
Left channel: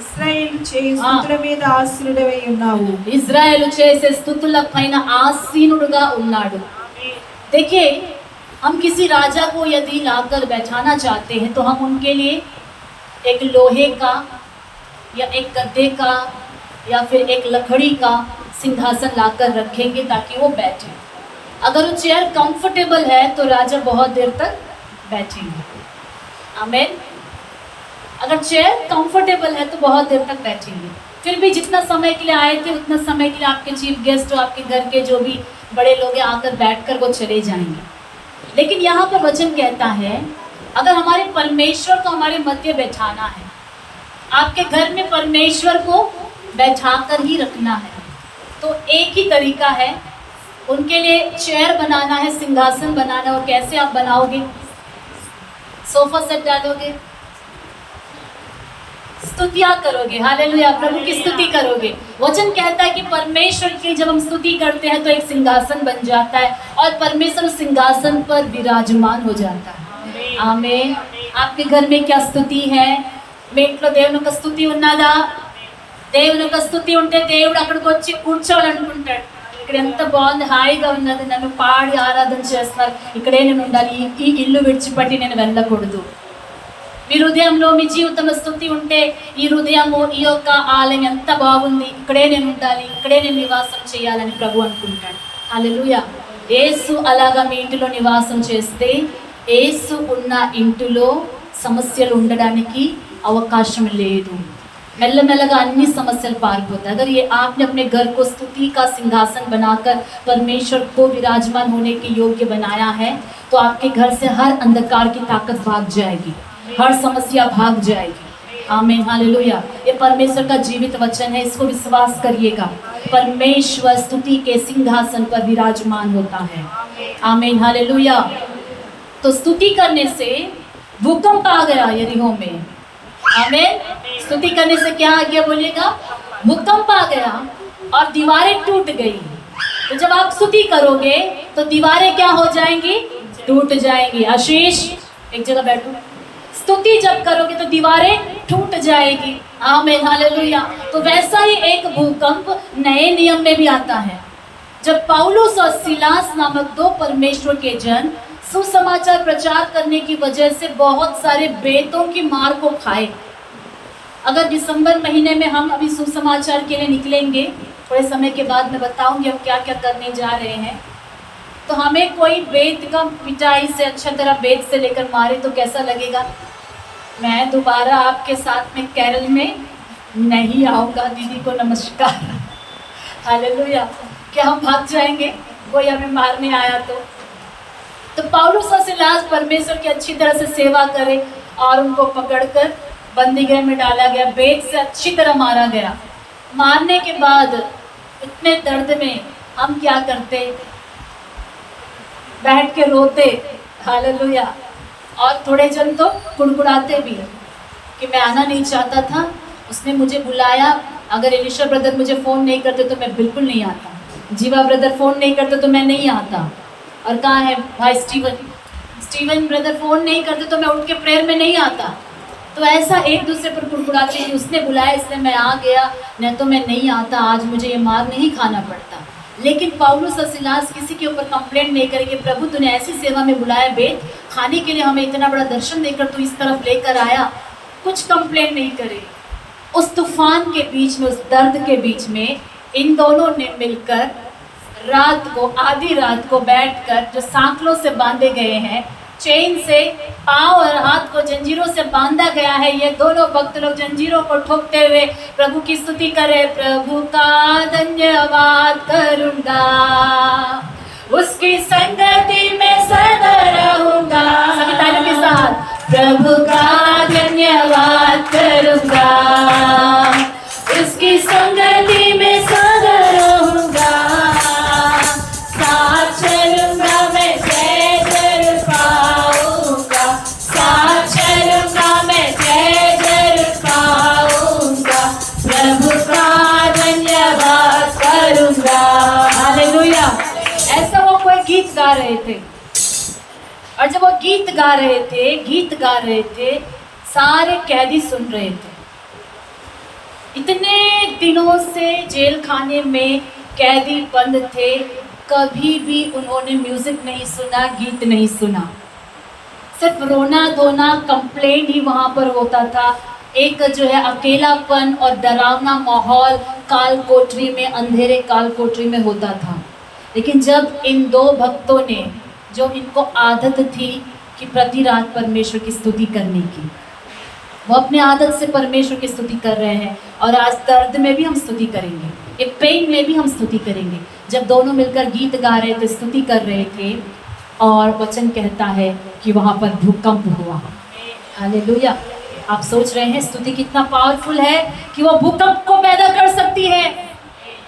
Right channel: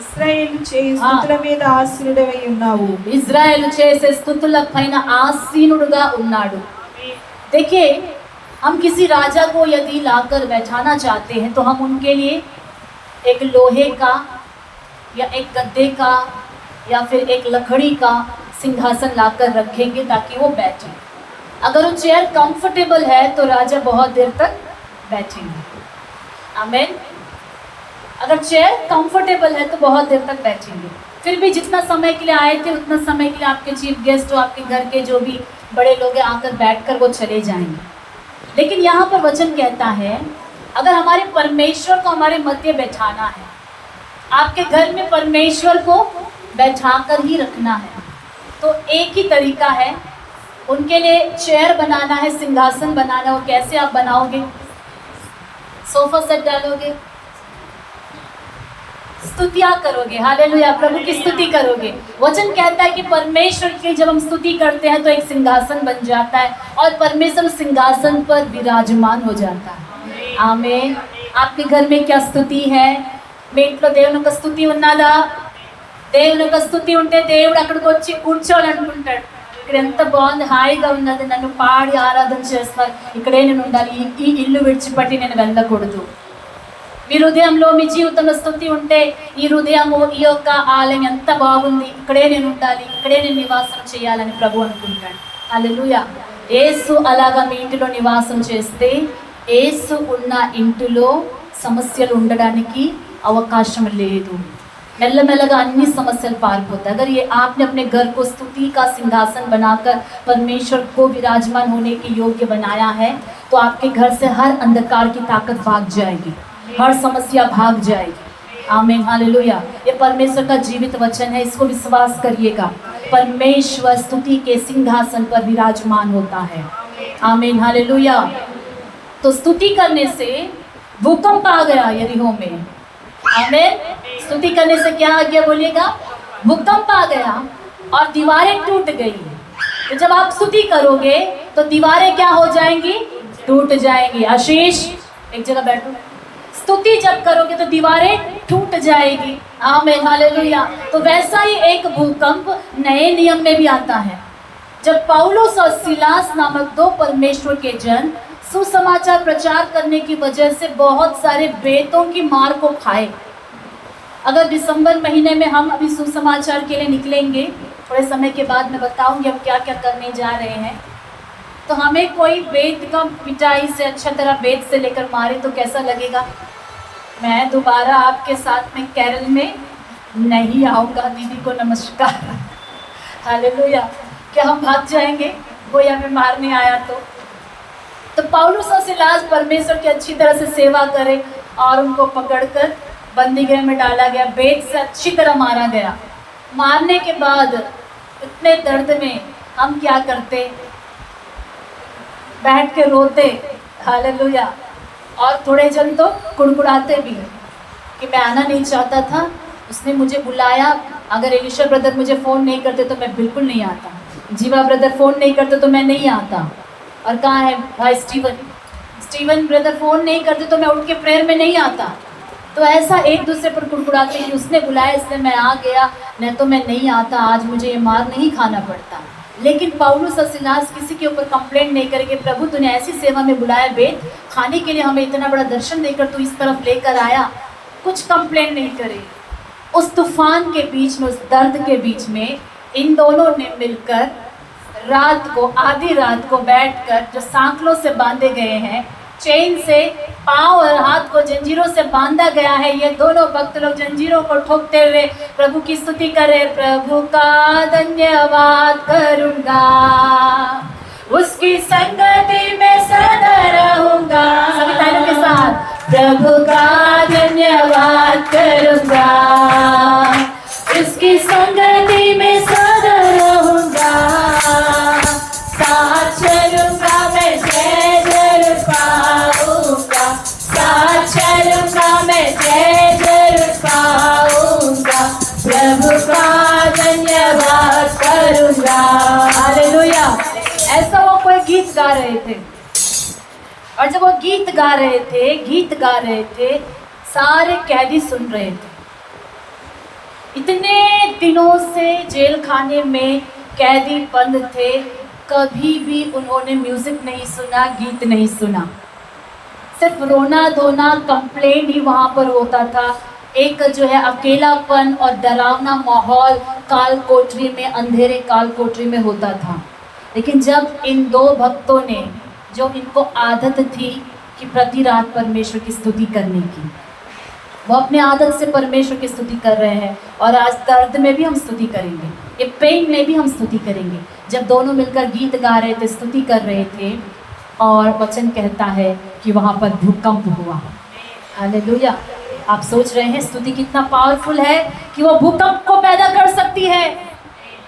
ఇశ్రాయేలు చేయి స్తుతుల మీద ఆసీనుడవై ఉన్నావు। ఇజ్రాయేల్ చేసే స్తుతుల పైన ఆసీనుడుగా ఉన్నాడు। देखिए, हम किसी राजा को यदि लाकर बैठाना चाहते हैं तो हम उनके लिए एक लोहे का या एक गद्दे का या फिर एक लकड़ी का सिंहासन लाकर रखेंगे ताकि वो बैठे। अगर वो चेयर कंफर्टेबल है तो राजा बहुत देर तक बैठेंगे। आमीन। अगर चेयर कंफर्टेबल है तो बहुत देर तक बैठेंगे। फिर भी जितना समय के लिए आए थे उतना समय के लिए आपके चीफ गेस्ट और आपके घर के जो भी बड़े लोग हैं आकर बैठकर वो चले जाएंगे। लेकिन यहाँ पर वचन कहता है अगर हमारे परमेश्वर को हमारे मध्य बैठाना है, आपके घर में परमेश्वर को बैठा कर ही रखना है, तो एक ही तरीका है, उनके लिए चेयर बनाना है, सिंहासन बनाना है। और कैसे आप बनाओगे? सोफा सेट डालोगे, स्तुतियाँ करोगे, हालेलुया, प्रभु की स्तुति करोगे। वचन कहता है कि परमेश्वर की जब हम स्तुति करते हैं तो एक सिंहासन बन जाता है और परमेश्वर सिंहासन पर विराजमान हो जाता है। आमीन। आपके घर में क्या स्तुति है? మీ ఇంట్లో దేవుని యొక్క స్తుతి ఉన్నదా? దేవుని యొక్క స్తుతి ఉంటే దేవుడు అక్కడికి వచ్చి కూర్చోవాలనుకుంటాడు। ఇక్కడ ఎంత బాగుంది, హాయిగా ఉన్నది, నన్ను పాడి ఆరాధన చేస్తున్నారు, ఇక్కడే నేను ఉండాలి, ఈ ఇల్లు విడిచిపెట్టి నేను వెళ్ళకూడదు। మీ హృదయంలో మీ జీవితంలో స్తుతి ఉంటే ఈ హృదయము ఈ యొక్క ఆలయం ఎంత బాగుంది, ఇక్కడే నేను ఉండాలి, ఇక్కడే నేను నివాసం చేయాలని ప్రభు అనుకుంటాడు। హల్లెలూయా। యేసు అలాగా మీ ఇంటిలో నివాసం చేస్తే యేసు ఉన్న ఇంటిలో సమస్యలు ఉండడానికి అవకాశం లేదు। మెల్లమెల్లగా అన్ని సమస్యలు పారిపోతాయి। अगर ये आपने अपने घर को स्तुति का सिंहासन बनाकर परमेश्वर को विराजमान होने के योग्य बनाया है तो आपके घर से हर अंधकार की ताकत भाग जाएगी, हर समस्या भाग जाएगी। आमीन, हालेलुया। ये परमेश्वर का जीवित वचन है, इसको विश्वास करिएगा। परमेश्वर स्तुति के सिंहासन पर विराजमान होता है। आमीन, हालेलुया। तो स्तुति करने से भूकंप आ गया यरीहो में। आमीन। स्तुति करने से क्या आ गया बोलिएगा? भूकंप आ गया और दीवारें टूट गई। तो जब आप स्तुति करोगे तो दीवारें क्या हो जाएंगी? टूट जाएंगी। आशीष एक जगह बैठो। स्तुति जब करोगे तो दीवारें टूट जाएगी। आमीन, हालेलुया। तो वैसा ही एक भूकंप नए नियम में भी आता है। जब पौलुस और सिलास नामक 2 परमेश्वर के जन सुसमाचार प्रचार करने की वजह से बहुत सारे बेतों की मार को खाए। अगर दिसंबर महीने में हम अभी सुसमाचार के लिए निकलेंगे, थोड़े समय के बाद मैं बताऊंगी हम क्या क्या करने जा रहे हैं, तो हमें कोई बेत का पिटाई से अच्छा तरह बेत से लेकर मारे तो कैसा लगेगा? मैं दोबारा आपके साथ में केरल में नहीं आऊँगा। दीदी को नमस्कार। हालेलुया। क्या हम भाग जाएंगे कोई हमें मारने आया तो पौलुस और सिलास परमेश्वर की अच्छी तरह से सेवा करे और उनको पकड़कर बंदी गृह में डाला गया, बेत से अच्छी तरह मारा गया। मारने के बाद इतने दर्द में हम क्या करते? बैठ के रोते। हालेलुया। और थोड़े जन तो कुड़कुड़ाते भी कि मैं आना नहीं चाहता था, उसने मुझे बुलाया, अगर एलिशा ब्रदर मुझे फ़ोन नहीं करते तो मैं बिल्कुल नहीं आता, जीवा ब्रदर फ़ोन नहीं करते तो मैं नहीं आता, और कहाँ है भाई स्टीवन ब्रदर फ़ोन नहीं करते तो मैं उठ के प्रेयर में नहीं आता। तो ऐसा एक दूसरे पर कुड़कुड़ाते हैं, उसने बुलाया इसलिए मैं आ गया, नहीं तो मैं नहीं आता, आज मुझे ये मार नहीं खाना पड़ता। लेकिन पौलुस और सिलास किसी के ऊपर कंप्लेंट नहीं करेंगे, प्रभु तूने ऐसी सेवा में बुलाया, बेत खाने के लिए हमें इतना बड़ा दर्शन देकर तू इस तरफ लेकर आया, कुछ कंप्लेंट नहीं करे। उस तूफान के बीच में, उस दर्द के बीच में इन दोनों ने मिलकर रात को, आधी रात को बैठकर, जो सांकलों से बांधे गए हैं, चेन से पाँव और हाथ को जंजीरों से बांधा गया है, ये दोनों भक्त लोग जंजीरों को ठोकते हुए प्रभु की स्तुति करें। प्रभु का धन्यवाद करूंगा, उसकी संगति में सदा रहूंगा। सभी तालियों के साथ प्रभु का धन्यवाद करूंगा, उसकी संगति में सदा रहूंगा। साथ चलूंगा मैं, जय जरूर पाऊंगा। साथ चलूंगा मैं, जय जरूर पाऊंगा। प्रभु का धन्यवाद करूंगा। हालेलुया। ऐसा वो कोई गीत गा रहे थे, और जब वो गीत गा रहे थे, सारे कैदी सुन रहे थे। इतने दिनों से जेल खाने में कैदी बंद थे, कभी भी उन्होंने म्यूजिक नहीं सुना, गीत नहीं सुना। सिर्फ रोना धोना, कंप्लेन ही वहाँ पर होता था। एक जो है अकेलापन और डरावना माहौल काल कोठरी में, अंधेरे काल कोठरी में होता था। लेकिन जब इन दो भक्तों ने, जो इनको आदत थी कि प्रति रात परमेश्वर की स्तुति करने की, वो अपने आदत से परमेश्वर की स्तुति कर रहे हैं। और आज दर्द में भी हम स्तुति करेंगे, एक पेन में भी हम स्तुति करेंगे। जब दोनों मिलकर गीत गा रहे थे, स्तुति कर रहे थे, और वचन कहता है कि वहाँ पर भूकंप हुआ। हालेलुया। आप सोच रहे हैं स्तुति कितना पावरफुल है कि वो भूकंप को पैदा कर सकती है।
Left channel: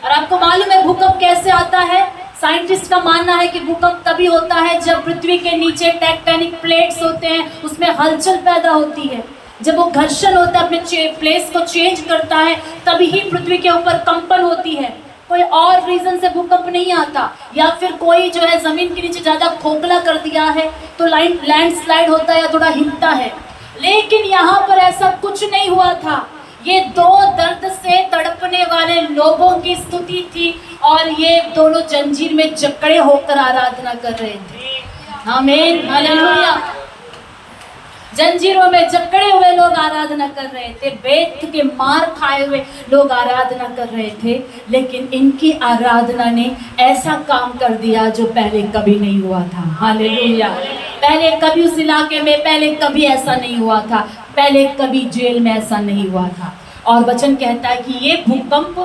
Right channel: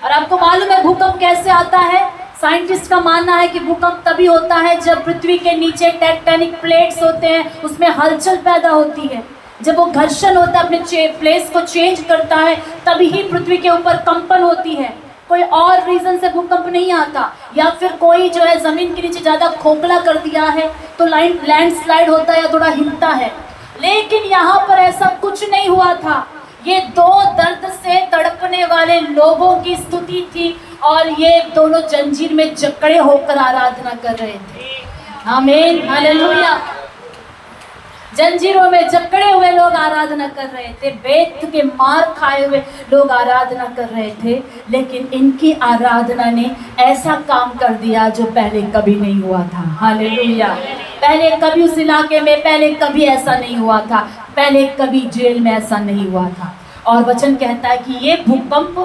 और आपको मालूम है भूकंप कैसे आता है? साइंटिस्ट का मानना है कि भूकंप तभी होता है जब पृथ्वी के नीचे टेक्टोनिक प्लेट्स होते हैं, उसमें हलचल पैदा होती है। जब वो घर्षण होता है, अपने प्लेस को चेंज करता है, तभी ही पृथ्वी के ऊपर कंपन होती है। कोई और रीजन से भूकंप नहीं आता। या फिर कोई जो है ज़मीन के नीचे ज़्यादा खोखला कर दिया है तो लैंडस्लाइड होता है या थोड़ा हिलता है। लेकिन यहाँ पर ऐसा कुछ नहीं हुआ था। ये दो दर्द से तड़पने वाले लोगों की स्तुति थी, और ये दोनों जंजीर में जकड़े होकर आराधना कर रहे थे। आमीन, हालेलुया। जंजीरों में जकड़े हुए लोग आराधना कर रहे थे, बेत के मार खाए हुए लोग आराधना कर रहे थे। लेकिन इनकी आराधना ने ऐसा काम कर दिया जो पहले कभी नहीं हुआ था। हालेलुया। पहले कभी उस इलाके में, पहले कभी ऐसा नहीं हुआ था, पहले कभी जेल में ऐसा नहीं हुआ था। और वचन कहता है कि ये भूकंप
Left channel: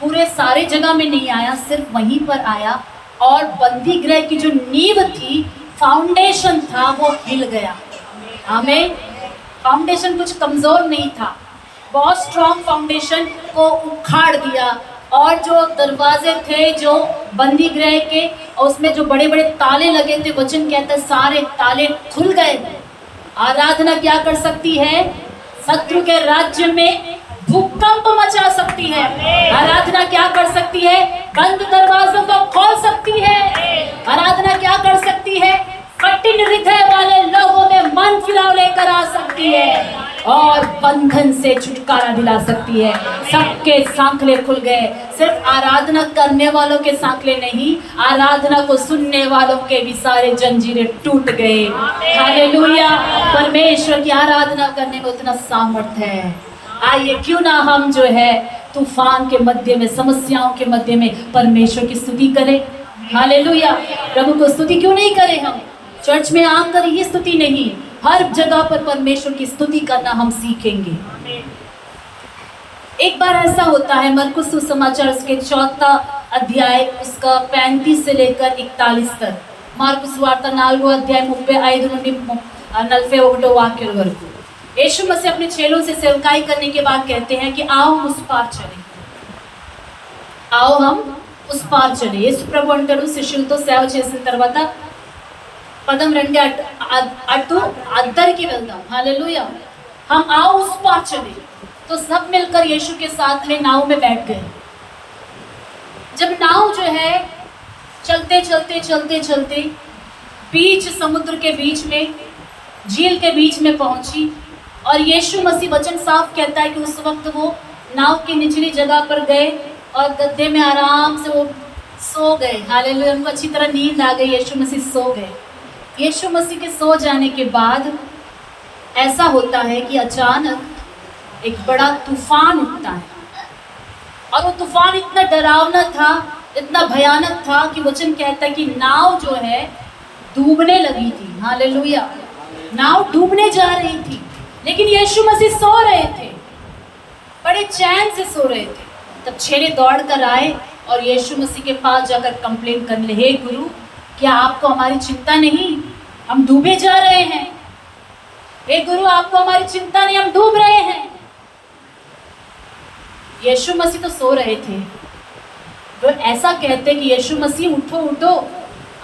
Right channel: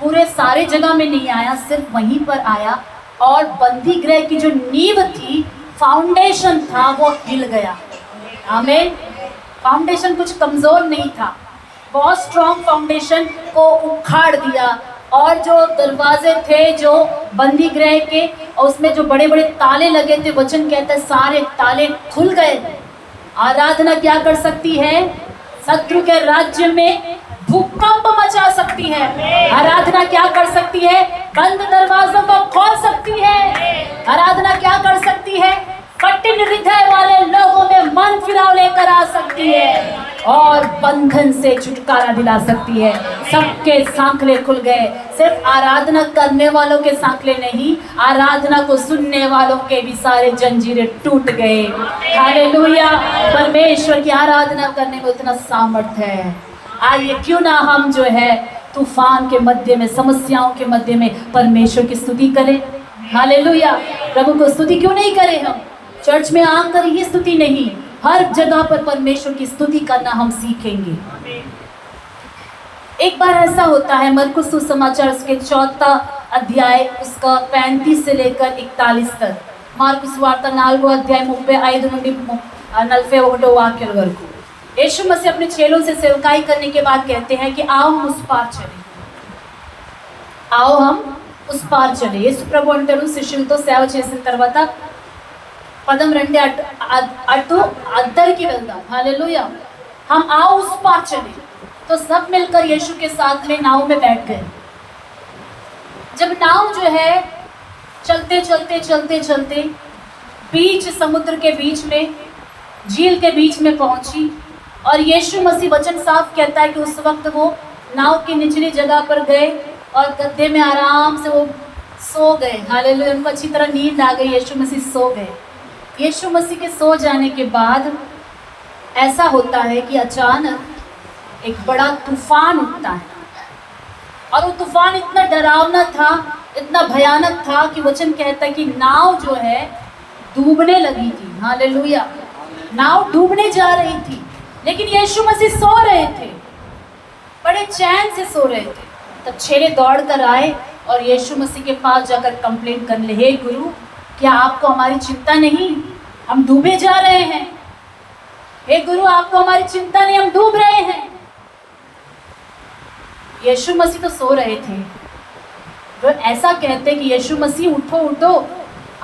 पूरे सारे जगह में नहीं आया, सिर्फ वहीं पर आया। और बंदी गृह की जो नींव थी, फाउंडेशन था, वो हिल गया। आमीन। फाउंडेशन कुछ कमज़ोर नहीं था, बहुत स्ट्रॉन्ग फाउंडेशन को उखाड़ दिया। और जो दरवाजे थे जो बंदी गृह के, और उसमें जो बड़े बड़े ताले लगे थे, वचन कहता है सारे ताले खुल गए। आराधना क्या कर सकती है? शत्रु के राज्य में भूकंप मचा सकती है। आराधना क्या कर सकती है? बंद दरवाजों को खोल सकती है। आराधना क्या कर सकती है? कठिन हृदय वाले लोगों में मन फिराव लेकर आ सकती है, और बंधन से छुटकारा दिला सकती है। सबके सांकले खुल गए। सिर्फ आराधना करने वालों के सांकले नहीं, आराधना को सुनने वालों के भी सारे जंजीरें टूट गए। हालेलुया। परमेश्वर की आराधना करने में उतना सामर्थ्य है। आइए क्यों ना हम जो है तूफान के मध्य में, समस्याओं के मध्य में परमेश्वर की स्तुति करें। हालेलुया। प्रभु को स्तुति क्यों नहीं करें? हम चर्च में आकर ये स्तुति नहीं, हर जगह पर परमेश्वर की स्तुति करना हम सीखेंगे। एक बार ऐसा होता है, मरकुस सुसमाचार उसके 4 अध्याय उसका 35 से लेकर 41 तक, మార్కు సువార్త 4వ అధ్యాయం 35 నుండి 41 వాక్యాల వరకు यीशु मसीह अपने चेलों से सेवकाई करने के बाद कहते हैं कि आओ हम उस पार चले, आओ हम उस पार चले। యేసు ప్రభు అంటారు శిష్యులతో సేవ చేసిన తర్వాత పదం 2 అటు అద్దరికి వెళ్దాం। हालेलुया। हम आओ उस पार चले। तो सब मिलकर यीशु के साथ में नाव में बैठ गए। जब नाव जो है चलते चलते चलते चलते बीच समुद्र के बीच में, झील के बीच में पहुंची, और यीशु मसीह वचन साफ कहता है कि उस वक्त वो नाव की निचली जगह पर गए और गद्दे में आराम से वो सो गए। हालेलुया। उनको अच्छी तरह नींद आ गई, यीशु मसीह सो गए। यीशु मसीह के सो जाने के बाद ऐसा होता है कि अचानक एक बड़ा तूफान उठता है, और वो तूफान इतना डरावना था, इतना भयानक था कि वचन कहता है कि नाव जो है डूबने लगी थी। हालेलुया, नाव डूबने जा रही थी, लेकिन यीशु मसीह सो रहे थे, बड़े चैन से सो रहे थे। तब चेले दौड़ कर आए और यीशु मसीह के पास जाकर कंप्लेंट करने लगे, हे गुरु, क्या आपको हमारी चिंता नहीं, हम डूबे जा रहे हैं। हे गुरु, आपको हमारी चिंता नहीं, हम डूब रहे हैं। यीशु मसीह तो सो रहे थे। वो ऐसा कहते कि यीशु मसीह उठो उठो,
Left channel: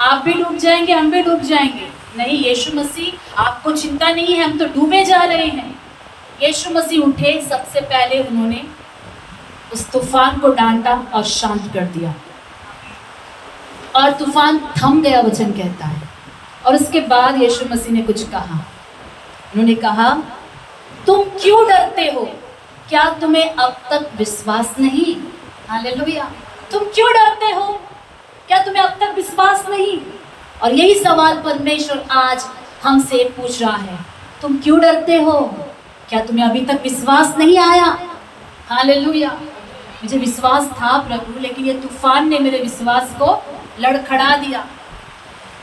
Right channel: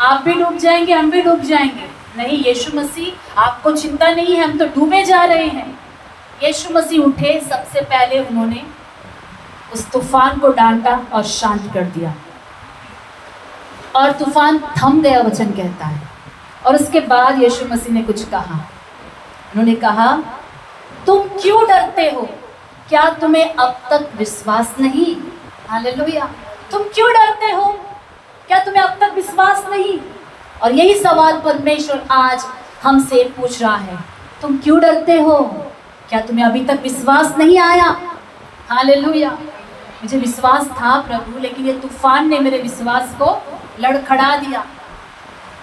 आप भी डूब जाएंगे, हम भी डूब जाएंगे। नहीं यीशु मसीह, आपको चिंता नहीं है, हम तो डूबे जा रहे हैं। यीशु मसीह उठे, सबसे पहले उन्होंने उस तूफान को डांटा और शांत कर दिया, और तूफान थम गया, वचन कहता है। और उसके बाद यीशु मसीह ने कुछ कहा। उन्होंने कहा, तुम क्यों डरते हो, क्या तुम्हें अब तक विश्वास नहीं? हालेलुया, तुम क्यों डरते हो, क्या तुम्हें अब तक विश्वास नहीं? और यही सवाल परमेश्वर आज हमसे पूछ रहा है, तुम क्यों डरते हो, क्या तुम्हें अभी तक विश्वास नहीं आया? हालेलुया, मुझे विश्वास था प्रभु, लेकिन ये तूफान ने मेरे विश्वास को लड़खड़ा दिया।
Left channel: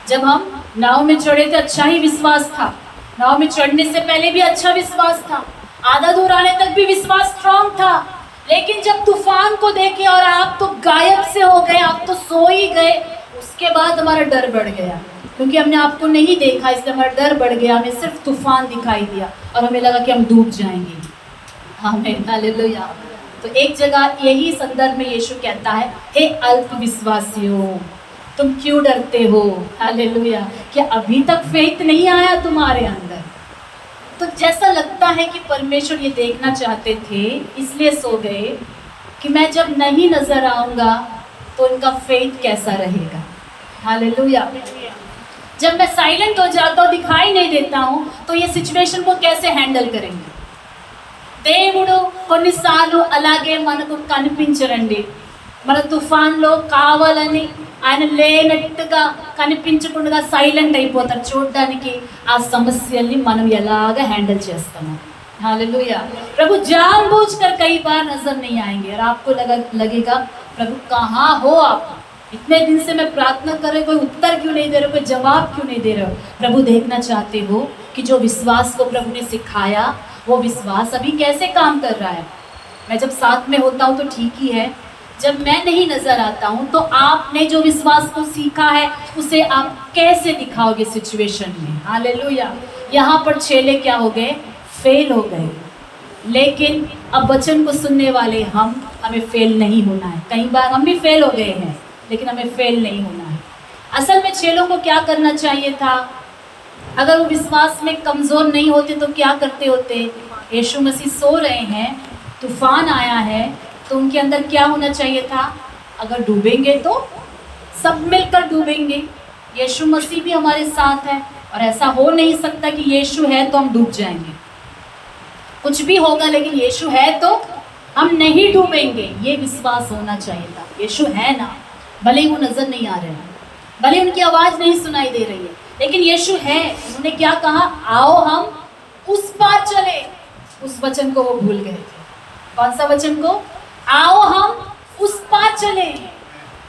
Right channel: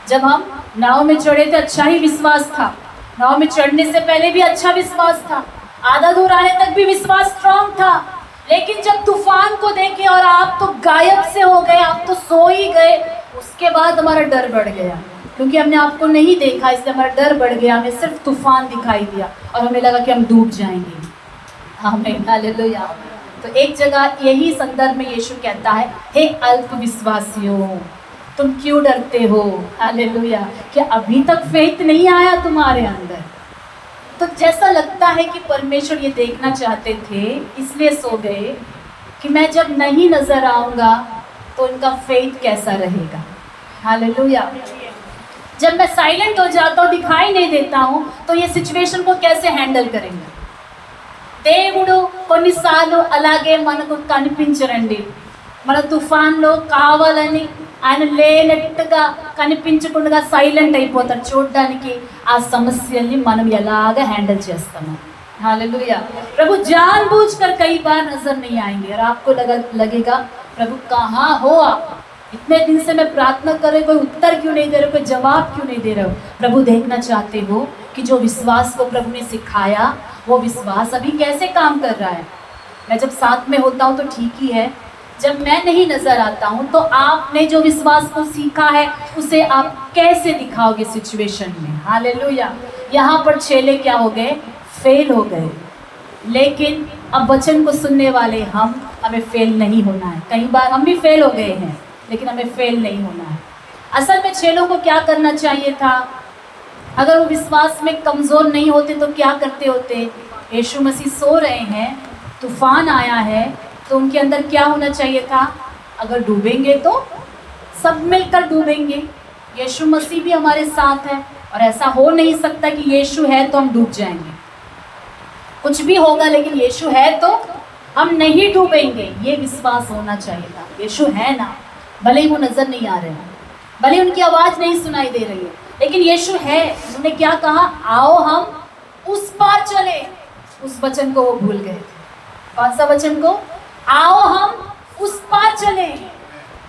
जब हम नाव में चढ़े तो अच्छा ही विश्वास था, नाव में चढ़ने से पहले भी अच्छा विश्वास था, आधा दूर आने तक भी विश्वास स्ट्रांग था। लेकिन जब तूफान को देखे और आप तो गायब से हो गए, आप तो सो ही गए, उसके बाद हमारा डर बढ़ गया, क्योंकि हमने आपको नहीं देखा, इसलिए हमारा डर बढ़ गया। हमें सिर्फ तूफान दिखाई दिया और हमें लगा कि हम डूब जाएंगे। आमीन, हालेलुया। तो एक जगह यही संदर्भ में यीशु कहता है, हे अल्प विश्वासियों, तुम क्यों डरते हो? हालेलुया, क्या अभी तक फेथ नहीं आया तुम्हारे अंदर? तो जैसा लगता है कि परमेश्वर ये देखना चाहते थे, इसलिए सो गए कि मैं जब नहीं नजर आऊंगा तो इनका फेथ कैसा रहेगा। हालेलुया, जब मैं साइलेंट हो जाता हूँ, दिखाई नहीं देता हूँ, तो ये सिचुएशन को कैसे हैंडल करेंगे? దేవుడు కొన్నిసార్లు అలాగే మనకు కనిపించరండి. మన తుఫాన్లో కావాలని ఆయన లేనట్టుగా కనిపించకుండా సైలెంట్ అయిపోతారు, చూడడానికి ఆ సమస్యల్ని మనం ఎలాగ హ్యాండిల్ చేస్తాము. हालेलुया, प्रभु जानबूझकर कई बार नजर नहीं आएंगे और आपको लगेगा प्रभु कहाँ हो आप, इतने दिन से मैं प्रार्थना कर रहे, कोई उत्तर क्यों नहीं दे रहे, कोई जवाब क्यों नहीं दे रहे हो? प्रभु देखना चाहते हो कि जो विश्वास को प्रभु ने सिखाया, वो विश्वास अभी कैसे काम कर रहा है। मैं जब साथ में होता हूँ तो ठीक ही है, जब मैं नहीं नजर आता हूँ तो आपने जो विश्वास को सीखा है उसे आप कैसे दिखाओगे सिचुएशन में। हालेलुया, यहाँ पर चेले क्या हो गए? फेल हो गए। लेकिन अब वचन को सुनने वाले हमें फेल नहीं होना है। कई बार हम भी फेल हो गए हैं, लेकिन हमें फेल नहीं होना है। असल में चेलों को क्या करना चाहिए था? अगर वो विश्वास में कमज़ोर नहीं होते तो क्या करते होते? यीशु मसीह सो रहे हैं, तूफान आया है, तो उनके अंदर क्या होना चाहिए था? अगर डूबेंगे तो सब मिलकर डूबेंगे। यीशु मसीह भी हमारे साथ है, और ऐसा हो नहीं सकता कि यीशु है तो हम डूब जाएंगे। कुछ भी होगा, लेकिन यीशु है तो हम नहीं डूबेंगे, ये विश्वास होना चाहिए था। यीशु है ना, भले ही वो नज़र नहीं आ रहे हैं, भले उनकी आवाज़ नहीं सुनाई दे रही है, लेकिन यीशु है। उन्होंने क्या कहा? आओ हम उस पार चले। उस वचन को वो भूल गए थे। कौन सा वचन को? आओ हम उस पार चले।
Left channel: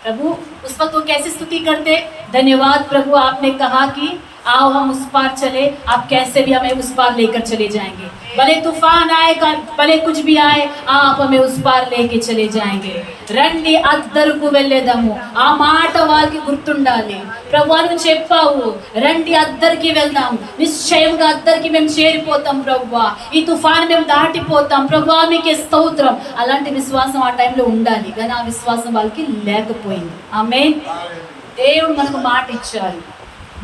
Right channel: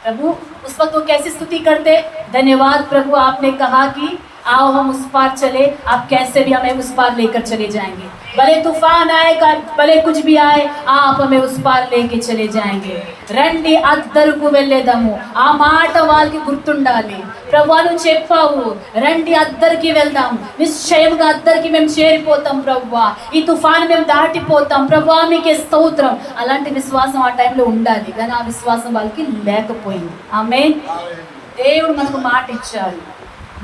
प्रभु उस वक्त वो कैसे स्तुति करते? धन्यवाद प्रभु, आपने कहा कि आओ हम उस पार चले, आप कैसे भी हमें उस पार लेकर चले जाएंगे। भले तूफान आएगा, भले कुछ भी आए, आप हमें उस पार लेके चले जाएंगे। రండి అద్దరుకు వెళ్ళేదాము, ఆ మాట వారికి గుర్తుండాలి. ప్రభువాను చెప్పావు, రండి అద్దరికి వెళ్దాం, నిశ్చయముగా అద్దరికి మేము చేరిపోతాం ప్రభువా, ఈ తుఫాను మేము దాటిపోతాం ప్రభువా, మీకే స్తోత్రం. అలాంటి విశ్వాసం ఆ టైంలో ఉండాలి, కానీ ఆ విశ్వాసం వాళ్ళకి లేకపోయింది. ఆమేన్. దేవుడు మనకు మాట ఇచ్చారు,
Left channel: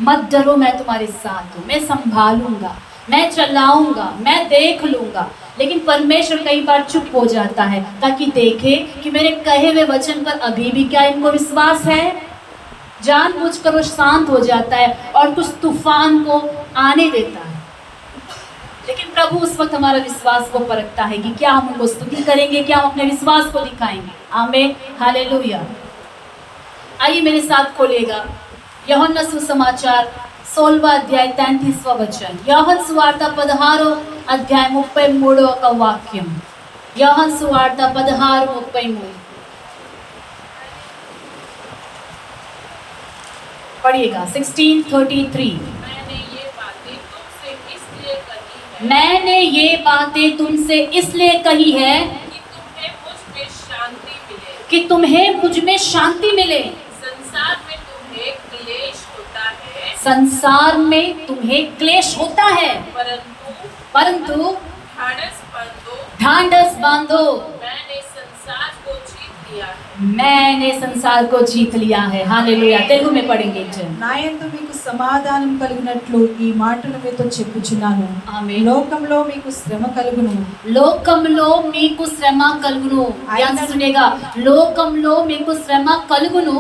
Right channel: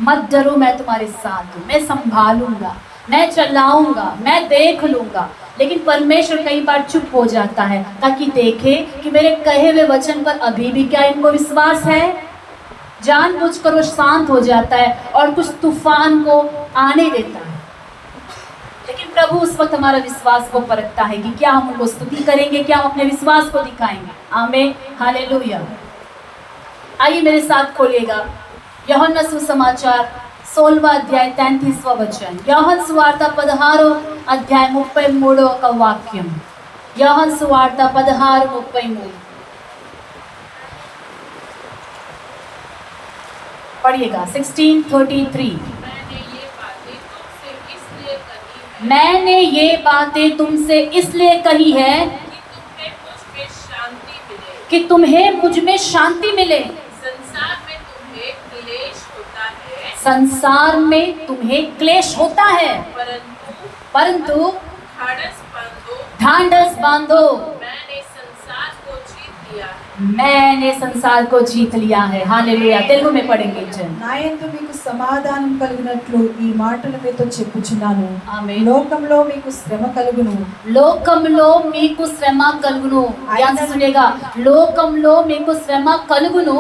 मत डरो मैं तुम्हारे साथ हूँ, मैं संभालूंगा, मैं चलाऊंगा, मैं देख लूंगा। लेकिन परमेश्वर कई बार चुप हो जाता है ताकि देखे कि मेरे कहे हुए वचन पर अभी भी क्या इनको विश्वास है। जानबूझकर वो शांत हो जाता है और कुछ तूफान को आने देता है। लेकिन प्रभु उस वक्त हमारा विश्वास को परखता है कि क्या हम उनको स्तुति करेंगे, क्या हम अपने विश्वास को दिखाएंगे। आमीन, हालेलुया। आइए मेरे साथ खोलिएगा యోహన్న సుసమాచాर 16వ అధ్యాయం 33వ వచనం. యోహన్ సువార్త 16వ అధ్యాయం 33వ వాక్యం. యోహన్ సువార్త 16:33. पढ़िएगा 16:33। मैंने ये बातें तुमसे इसलिए कही है मैंने ये बातें तुमसे इसलिए कही है कि तुम्हें मुझ में शांति मिले। कि तुम्हें मुझ में शांति मिले। संसार में तुम्हें क्लेश होता है, संसार में तुम्हें क्लेश होता है, परंतु ढाढ़स बांधो, ढांढस बांधो, मैंने संसार को जीत लिया है। मैंने संसार को जीत लिया है। हालेलुया। तेलुगु में पढ़ेंगे एक जन। నాయందు మీకు సమాధానం కలిగినట్లు ఈ మాటలు మీతో చెప్పుచున్నాను. ఆమేన్. లోకంలో మీకు శ్రమ కలుగును. లోకంలో మీకు శ్రమ కలుగును. ధ్యాన్ से सुनिएगा, లోకంలో మీకు శ్రమ కలుగును,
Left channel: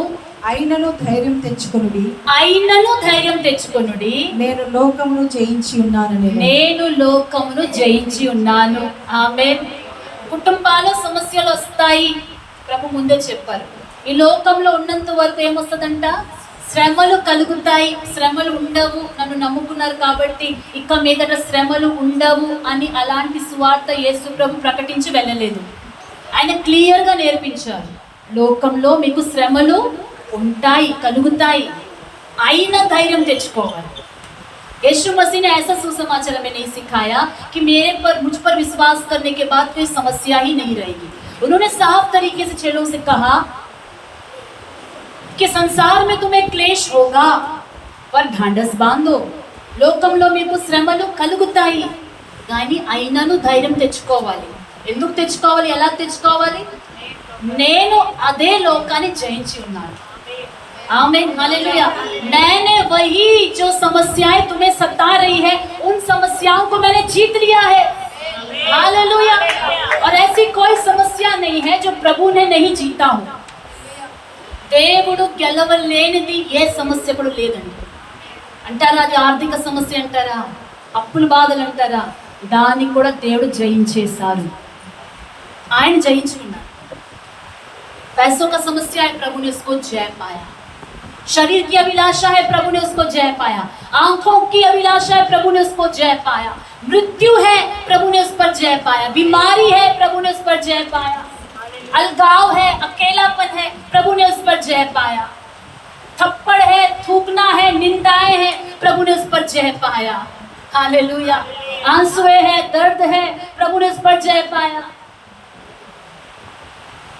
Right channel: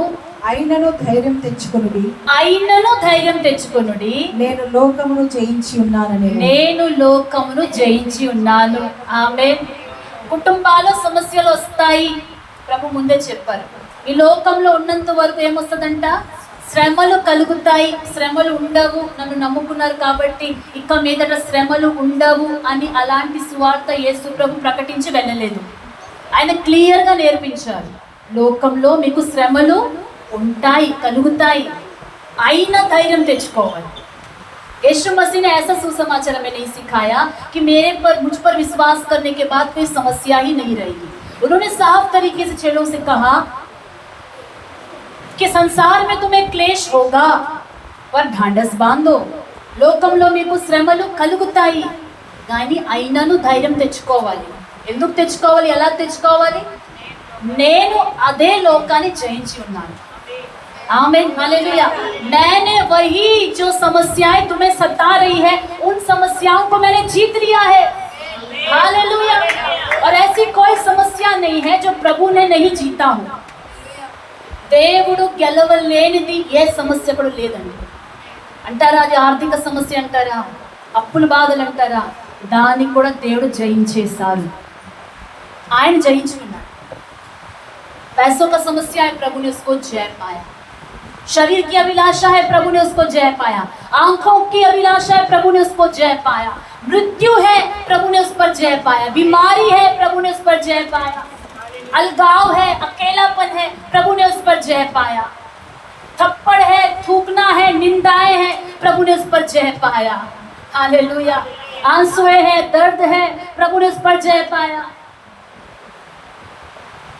అయినను ధైర్యం తెచ్చుకొనుడి. అయినను ధైర్యం తెచ్చుకొనుడి, నేను లోకమును జయించి ఉన్నానని. నేను లోకమును జయించి ఉన్నాను. ఆమేన్. కుటుంబాల్లో సమస్యలు వస్తాయి, ప్రభు ముందే చెప్పారు. ఈ లోకంలో ఉన్నంత వరకు ఏమొస్తుందంట? శ్రమలు కలుగుతాయి. శ్రమలు ఉండవు, నన్ను నమ్ముకున్నారు కాబట్టి ఇక మీదట శ్రమలు ఉండవు అని అలాంటి సువార్త యేసు ప్రభు ప్రకటించి వెళ్ళలేదు. ఆయన క్లియర్గా నేర్పించారు, లోకంలో మీకు శ్రమలు ఉంటాయి, కలుగుతాయి, అయినా ధైర్యం తెచ్చుకోవాలి. यीशु मसीह ने ऐसा सुसमाचार में नहीं सिखाया कि मुझ पर विश्वास करने के बाद कोई समस्या ही नहीं रहेगी। उन्होंने साफ तरीके से चेलों से कहा कि संसार में तुम्हें क्लेश होगा, पर ढांढस बांधो, లోకంలో మీకు శ్రమలు కలుగుతాయి, కానీ అయినను ధైర్యం తెచ్చుకోవాలి. ఎందుకు తెచ్చుకోవాలి? ఎలా తెచ్చుకోవాలి? నేను అదే లోకాన్ని జయించి ఉన్నాను. आमीन, हालेलुया। मैंने वही जो समस्याएं तुम्हें सता रही है, उन समस्याओं को मैंने जीत लिया है। हालेलुया। और ऐसी कोई समस्या नहीं है जो प्रभु ने नहीं जीता हो। దేవుడు గెలవలేనిది ఏ సమస్య కూడా లేదండి. అంటారా అది ఆర్థిక సమస్య అంటారా, అప్పుల బాధలు అంటారా, దాన్ని కూడా దేవుడు జయించేశారు. ఆయన జయించుకున్నారు. पैसों का समस्या है, प्रभु ने उसको जय पाया। शरीर की अभिलाषा है, प्रभु ने उसको जय पाया। आंखों की अभिलाषा है, प्रभु ने उसको जय पाया। मृत्यु है, प्रभु ने उस पर जय पाया। बीमारी है, प्रभु ने उस पर जय पाया। अलगाव है, अकेलापन है, प्रभु ने उस पर जय पाया। थप्पड़ है, थूकना है, निंदाएं हैं, प्रभु ने उस पर जय पाया। हालेलुया। आंसुएं है, दर्द है, प्रभु ने उस पर जय पाया।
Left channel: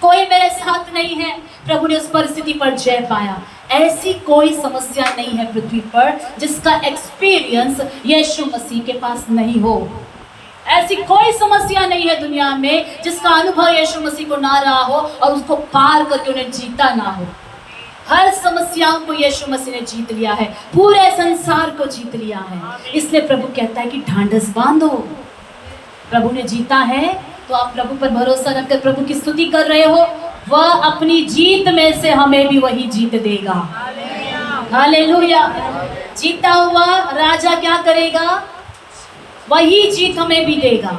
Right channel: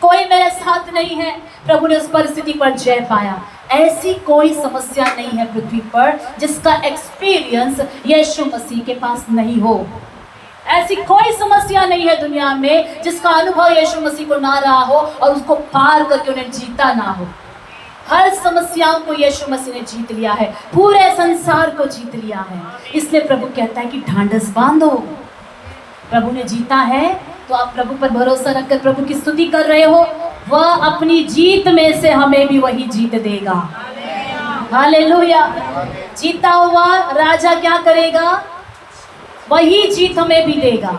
कोई मेरे साथ नहीं है, प्रभु ने उस परिस्थिति पर जय पाया। ऐसी कोई समस्या नहीं है पृथ्वी पर जिसका एक्सपीरियंस यीशु मसीह के पास नहीं हो। ऐसी कोई समस्या नहीं है दुनिया में जिसका अनुभव यीशु मसीह को ना रहा हो और उसको पार करके उन्हें जीता ना हो। हर समस्याओं को यीशु मसीह ने जीत लिया है, पूरे संसार को जीत लिया है। इसलिए प्रभु कहता है कि ढांढस बांधो। प्रभु ने जीता है तो आप प्रभु पर भरोसा रखकर प्रभु की स्तुति कर रहे हो, वह अपनी जीत में से हमें भी वही जीत देगा। हालेलुया। जीता हुआ राजा क्या करेगा? वही जीत हमें भी देगा।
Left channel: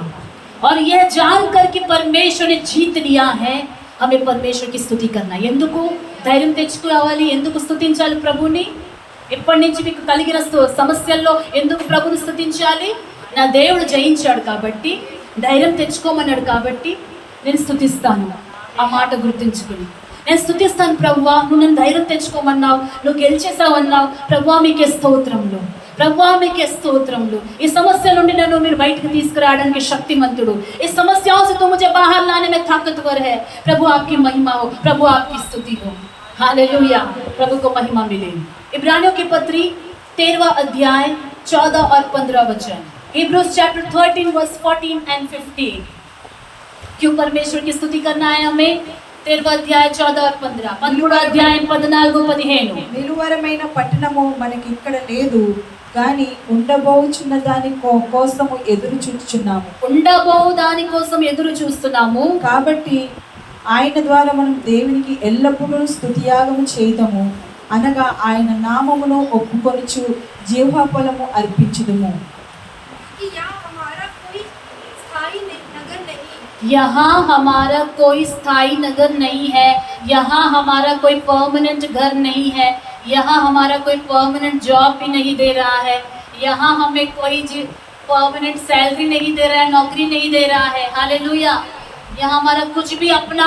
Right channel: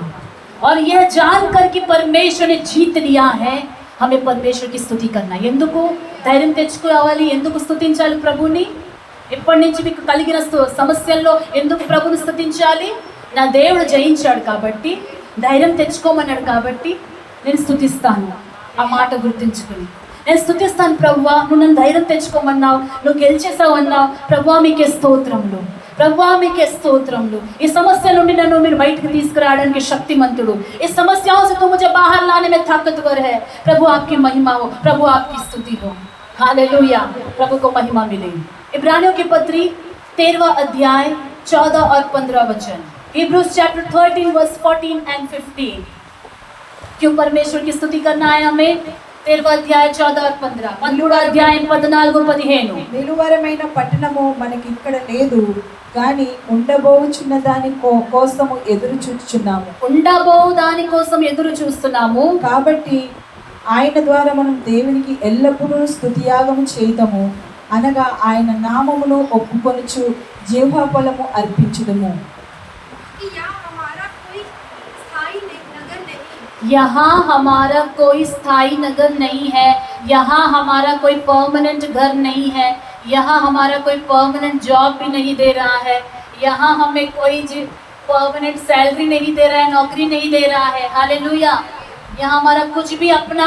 और यह जानकर कि परमेश्वर ने जीत लिया है, हमें परमेश्वर की स्तुति करना है. ఎందుకు ధైర్యం తెచ్చుకోవాలి? ఎందుకు స్తుతించాలి ప్రభుని? ఇప్పటి నుంచి మీకు కలిగిన సమస్యల్లో ఎందుకు ప్రభుని స్తుతించాలి? నా దేవుడు జయించాడు కాబట్టి, ధైర్యం తెచ్చుకోమన్నాడు కాబట్టి నేను స్తుతిస్తాను. ఆ మాట గుర్తుంచుకుని నేను స్తుతిస్తాను. ప్రభువా, నువ్వు నన్ను ధైర్యం తెచ్చుకోమన్నావు, నువ్వు గెలిచేసావు అన్నావు. ప్రభువా మీకే స్తోత్రములు, ప్రభువా మీకే స్తోత్రములు. ఈ సమస్య నుండి నన్ను మీరు బయటకు తీసుకురావడానికి శక్తిమంతుడు. इस समस्याओं से तुम मुझे बाहर लाने में ताकतवर है. प्रभु आपकी महिमा हो, प्रभु आपकी स्तुति हो. हालेलुया. प्रभु को महिमा मिले. इब्रानियों की पत्री 13वां अध्याय 14 और 15 वचन. Hebrews chapter 13 verse 14 and 15. क्यों परमेश्वर की स्तुति करना है हमें? 13వ అధ్యాయం 14 और 15. 13వ అధ్యాయం 14 15. నిలువరమైన పట్టణము మనకి ఇక్కడ లేదు, కానీ ఉండబోచున్న దాని కోసము ఎదురు చూస్తున్నాము. ఉండబోవు దాని కోసం ఎదురు చూస్తున్నాము. కాబట్టి ఆయన ద్వారా మనం దేవునికి ఎల్లప్పుడూ స్తుతియాగము చేయుదము, అనగా ఆయన నామమును ఒప్పుకొనుచు జీవఫలము అర్పించుదము. यहाँ हमारा कोई स्थायी नगर नहीं है, यहाँ हमारा कोई परमानेंट घर नहीं है, यहाँ हमारा कोई परमानेंट जॉब भी नहीं दे रहा है, यहाँ हमें कोई परमानेंट सैलरी नहीं दे रहा है, नौकरी नहीं दे रहा है. हालेलुया. यहाँ हमारा कुछ भी अपना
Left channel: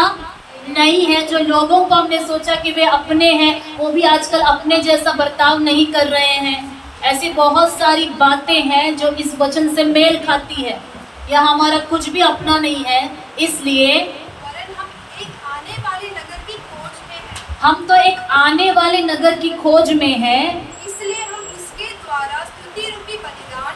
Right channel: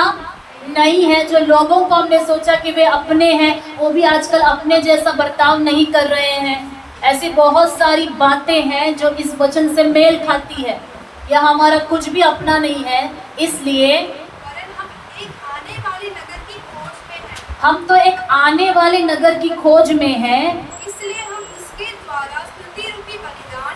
नहीं है, जो लोगों को हमने सोचा कि वे अपने हैं, वो भी आजकल अपने जैसा बर्ताव नहीं कर रहे हैं। ऐसी बहुत सारी बातें हैं जो इस वचन से मेल खाती है। यह हमारा कुछ भी अपना नहीं है, इसलिए वरन हम एक आने वाले नगर की खोज में हैं। हम तो एक आने वाले नगर की खोज में हैं। इसलिए हम इसके द्वारा स्तुति रूपी बलिदान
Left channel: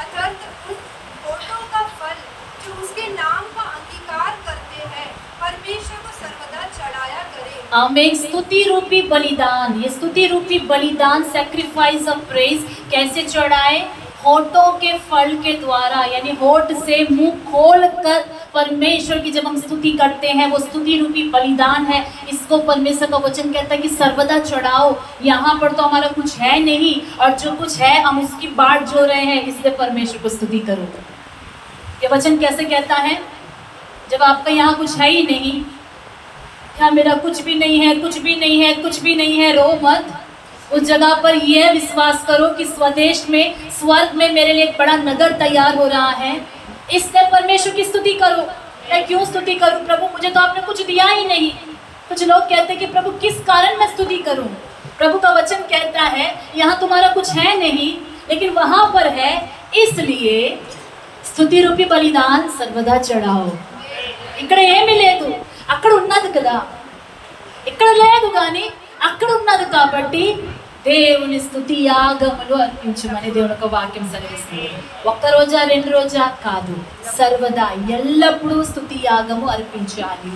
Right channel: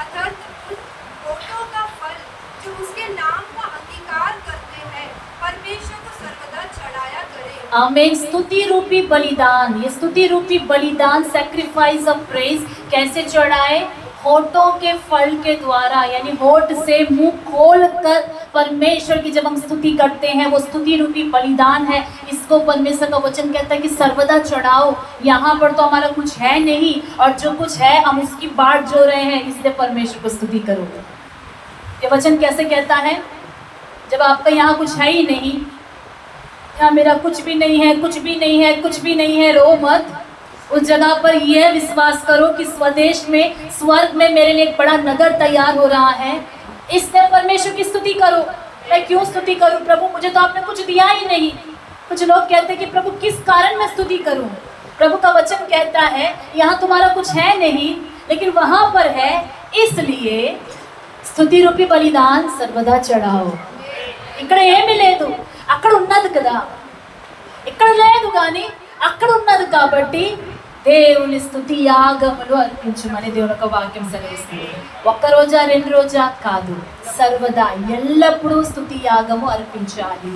अर्थात उस होठों का फल जो उसके नाम का अंगीकार करते हैं परमेश्वर को सर्वदा चढ़ाया करें। आमीन। स्तुति रूपी बलिदान, ये स्तुति रूपी बलिदान सैक्रिफाइस ऑफ प्रेज कैसे चढ़ाए? होठों के फल के द्वारा, यानी होठ से मुंह खोल कर परमेश्वर की जब हम स्तुति करते हैं, वो स्तुति रूपी बलिदान है। इसको परमेश्वर का वचन कहता है कि सर्वदा चढ़ाओ। यहाँ पर तो हमारा कुछ है नहीं, और जो कुछ है हम उसकी बाट जो रहे हैं, इसलिए परमेश्वर को स्तुति करो। ये वचन कैसे कहता है? जब आपका यहाँ कुछ है ही नहीं, क्या मेरा कुछ भी नहीं है, कुछ भी नहीं है, कुछ भी नहीं है, रो मत। उस जगह पर यह विश्वास करो कि स्वदेश में, स्वर्ग में मेरे लिए एक बड़ा नगर तैयार हो रहा है। इससे परमेश्वर की स्तुति करो। मैं क्यों स्तुति करूं प्रभु? मुझे तो आपने कुछ दिया ही नहीं। कुछ लोग कहते हैं कि प्रभु किस कारण मैं स्तुति करूं? प्रभु का वचन कहता है यहाँ तुम्हारा कुछ है नहीं, लेकिन वहां पर है, इसलिए स्तुति रूपी बलिदान सर्वदा चढ़ाओ। इकडे ఏమీ లేదు, అక్కడ ఉన్నది కదా, ఇక్కడ లేదు కానీ అక్కడ ఉన్నది కాబట్టి దేవుని స్తుతి యాగములు అర్పించమని దేవుని ఒక వాక్యం సెలవిస్తుంది. ఒక్క రోజా రెండు రోజా కాదు, సర్వదా ఎల్లప్పుడూ స్తుతి యాగము అర్పించాలి.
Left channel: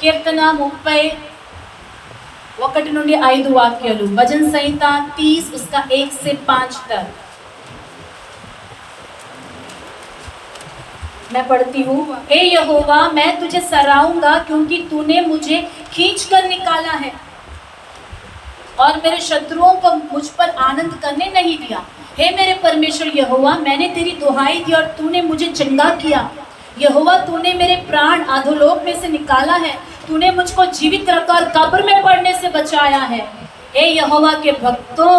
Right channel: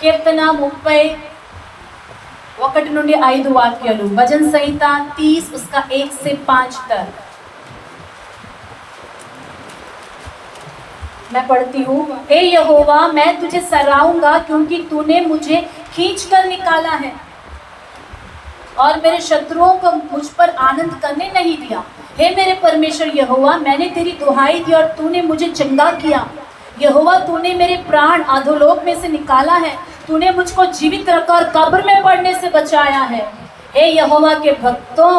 కీర్తన 31 నుండి 5 వాక్యాలు, భజన్ సంహిత 30 उसका 1 से 5 तक मैं पढ़ती हूँ। हे यहोवा, मैं तुझे सराहूंगा क्योंकि तूने मुझे खींच कर निकाला है और मेरे शत्रुओं को मुझ पर आनंद करने नहीं दिया। हे मेरे परमेश्वर यहोवा, मैंने तेरी दुहाई दी और तूने मुझे चंगा किया। यहोवा, तूने मेरे प्राण अधोलोक में से निकाला है। तूने मुझको जीवित रखा और कब्र में पड़ने से बचाया है। हे यहोवा के भक्तों,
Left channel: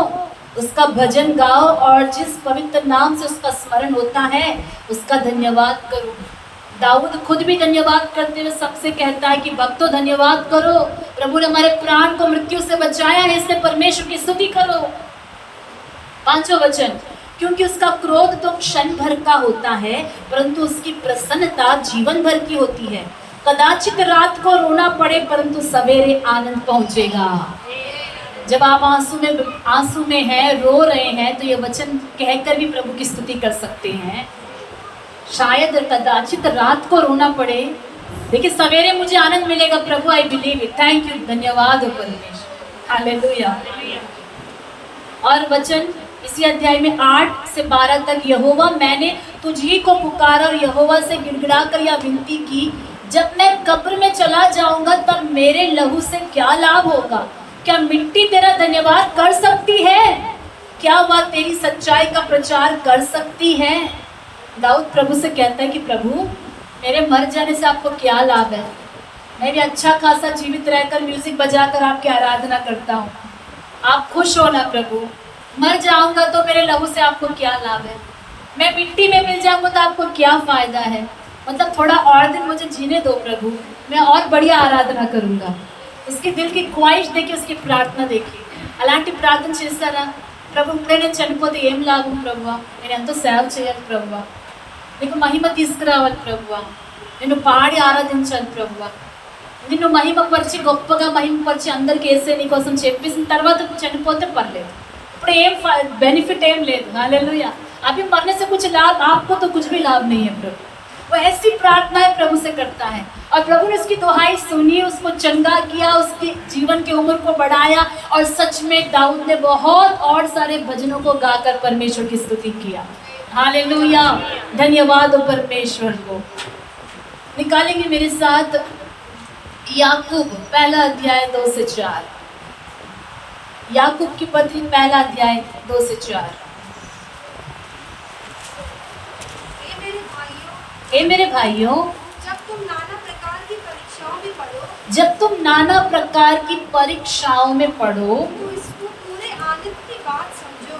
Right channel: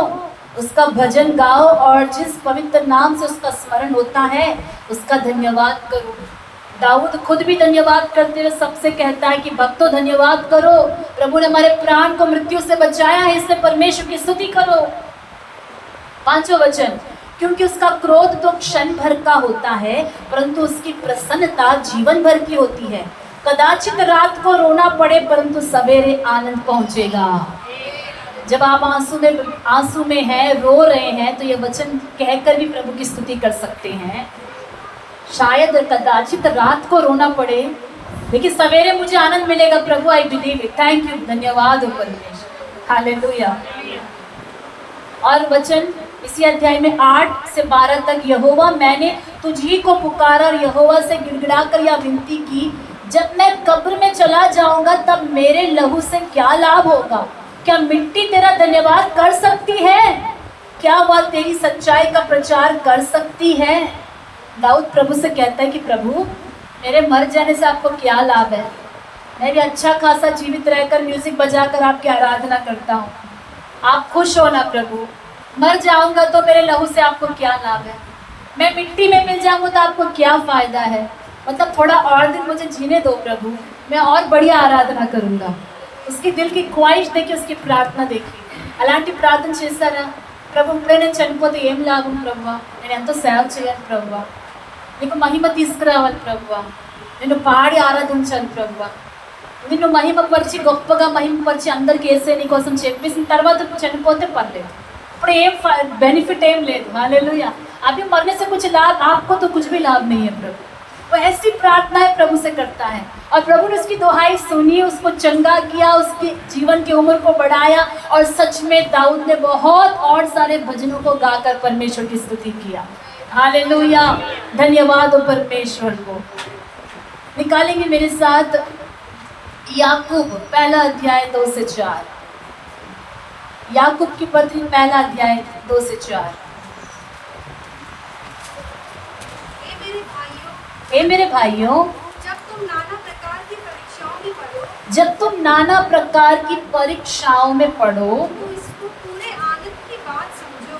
उसका भजन गाओ और जिस पवित्र नाम से उसका स्मरण होता है उसका धन्यवाद करो। दाऊद खुद भी धन्यवाद करते हुए सबसे कहता है कि भक्तों धन्यवाद करो, प्रभु ने हमारे प्राण को मृत्यु से बचाया है, इसलिए परमेश्वर की स्तुति करो। 5वां वचन, क्योंकि उसका क्रोध तो क्षण भर का होता है, परंतु उसकी प्रसन्नता जीवन भर की होती है। कदाचित रात को रोना पड़े, परंतु सवेरे आनंद पहुंचेगा। जब आप आंसू में हैं, रो रहे हैं, तो ये वचन कहकर भी प्रभु की स्तुति कर सकते हैं। शायद कदाचित रात को रोना पड़े, लेकिन सवेरे मुझे आनंद मिलेगा। प्रभु I believe it, thank you, धन्यवाद हो परमेश्वर, हालेलुया। और वचन इसी अध्याय में 8 से 12 तक, यहोवा मैंने तुझी को पुकारा और यहोवा से गिड़गिड़ा कर यह विनती की, जब मैं कब्र में चला जाऊंगा तब मेरे लहू से क्या लाभ होगा? क्या मिट्टी तेरा धन्यवाद कर सकती है? क्या वह तेरी सच्चाई का प्रचार कर सकती है? दाऊद प्रभु से कहता है कि प्रभु, मेरे मर जाने से आपको क्या लाभ है? मैं भी अच्छा खासा जीवित रहकर म्यूजिक बजाकर आपकी आराधना करता हूँ, आप खुश हो ना प्रभु? मर जाऊंगा तो मेरे लहू से आपको क्या लाभ है? मैं मिट्टी में मिल जाऊंगा तो आपको क्या फ़ायदा है? मतलब थोड़ा और दिन मुझे जीने दो प्रभु, मैं और बढ़िया आराधना करूँगा। उसकी दिल की ख्वाहिश देखी, उसकी प्रार्थना देखी। అలాంటి ప్రార్థన చేశారా? ప్రభు, ఇప్పుడే నేను చనిపోతే ఏం లాభం ప్రభువా? నేను ఎంతో సేవ చేయాలి ప్రభువా, నీకు మహిమ తీసుకురావాలి ప్రభువా, నిన్ను పాడి ఆరాధించాలి ప్రభువా, నిన్ను మహిమపరిచి గొప్పగా మహిమపరిచి అందరికి వేసే నీ కోసం చెప్పేసిన తర్వాత చనిపోతే పర్లేదు, ఇప్పుడు ఏం బెనిఫిట్ ఏం లేదు। हालेलुया। अभी मरने से कुछ लाभ, आपको तो कुछ भी लाभ नहीं है प्रभु। वो ऐसी प्रार्थनाएं प्रभु से करता है और प्रभु ने उसकी दुहाई सुनी, उसको चंगा किया, उसकी जीवन की उम्र को बढ़ाया और सच में दाऊद ने बहुत और सारे भजनों को गाकर परमेश्वर की स्तुति किया। हालेलुया, धन्यवाद हो परमेश्वर को। निकालेंगे मेरे साथ याकूब पहला अध्याय 2 से 4। याकूब की पत्री पहला अध्याय 2 से 4। हे मेरे भाइयों, जब तुम नाना प्रकार की परीक्षाओं में पढ़ो, जब तुम नाना प्रकार की परीक्षाओं में पढ़ो, तो इसको पूरे आनंद की बात समझो।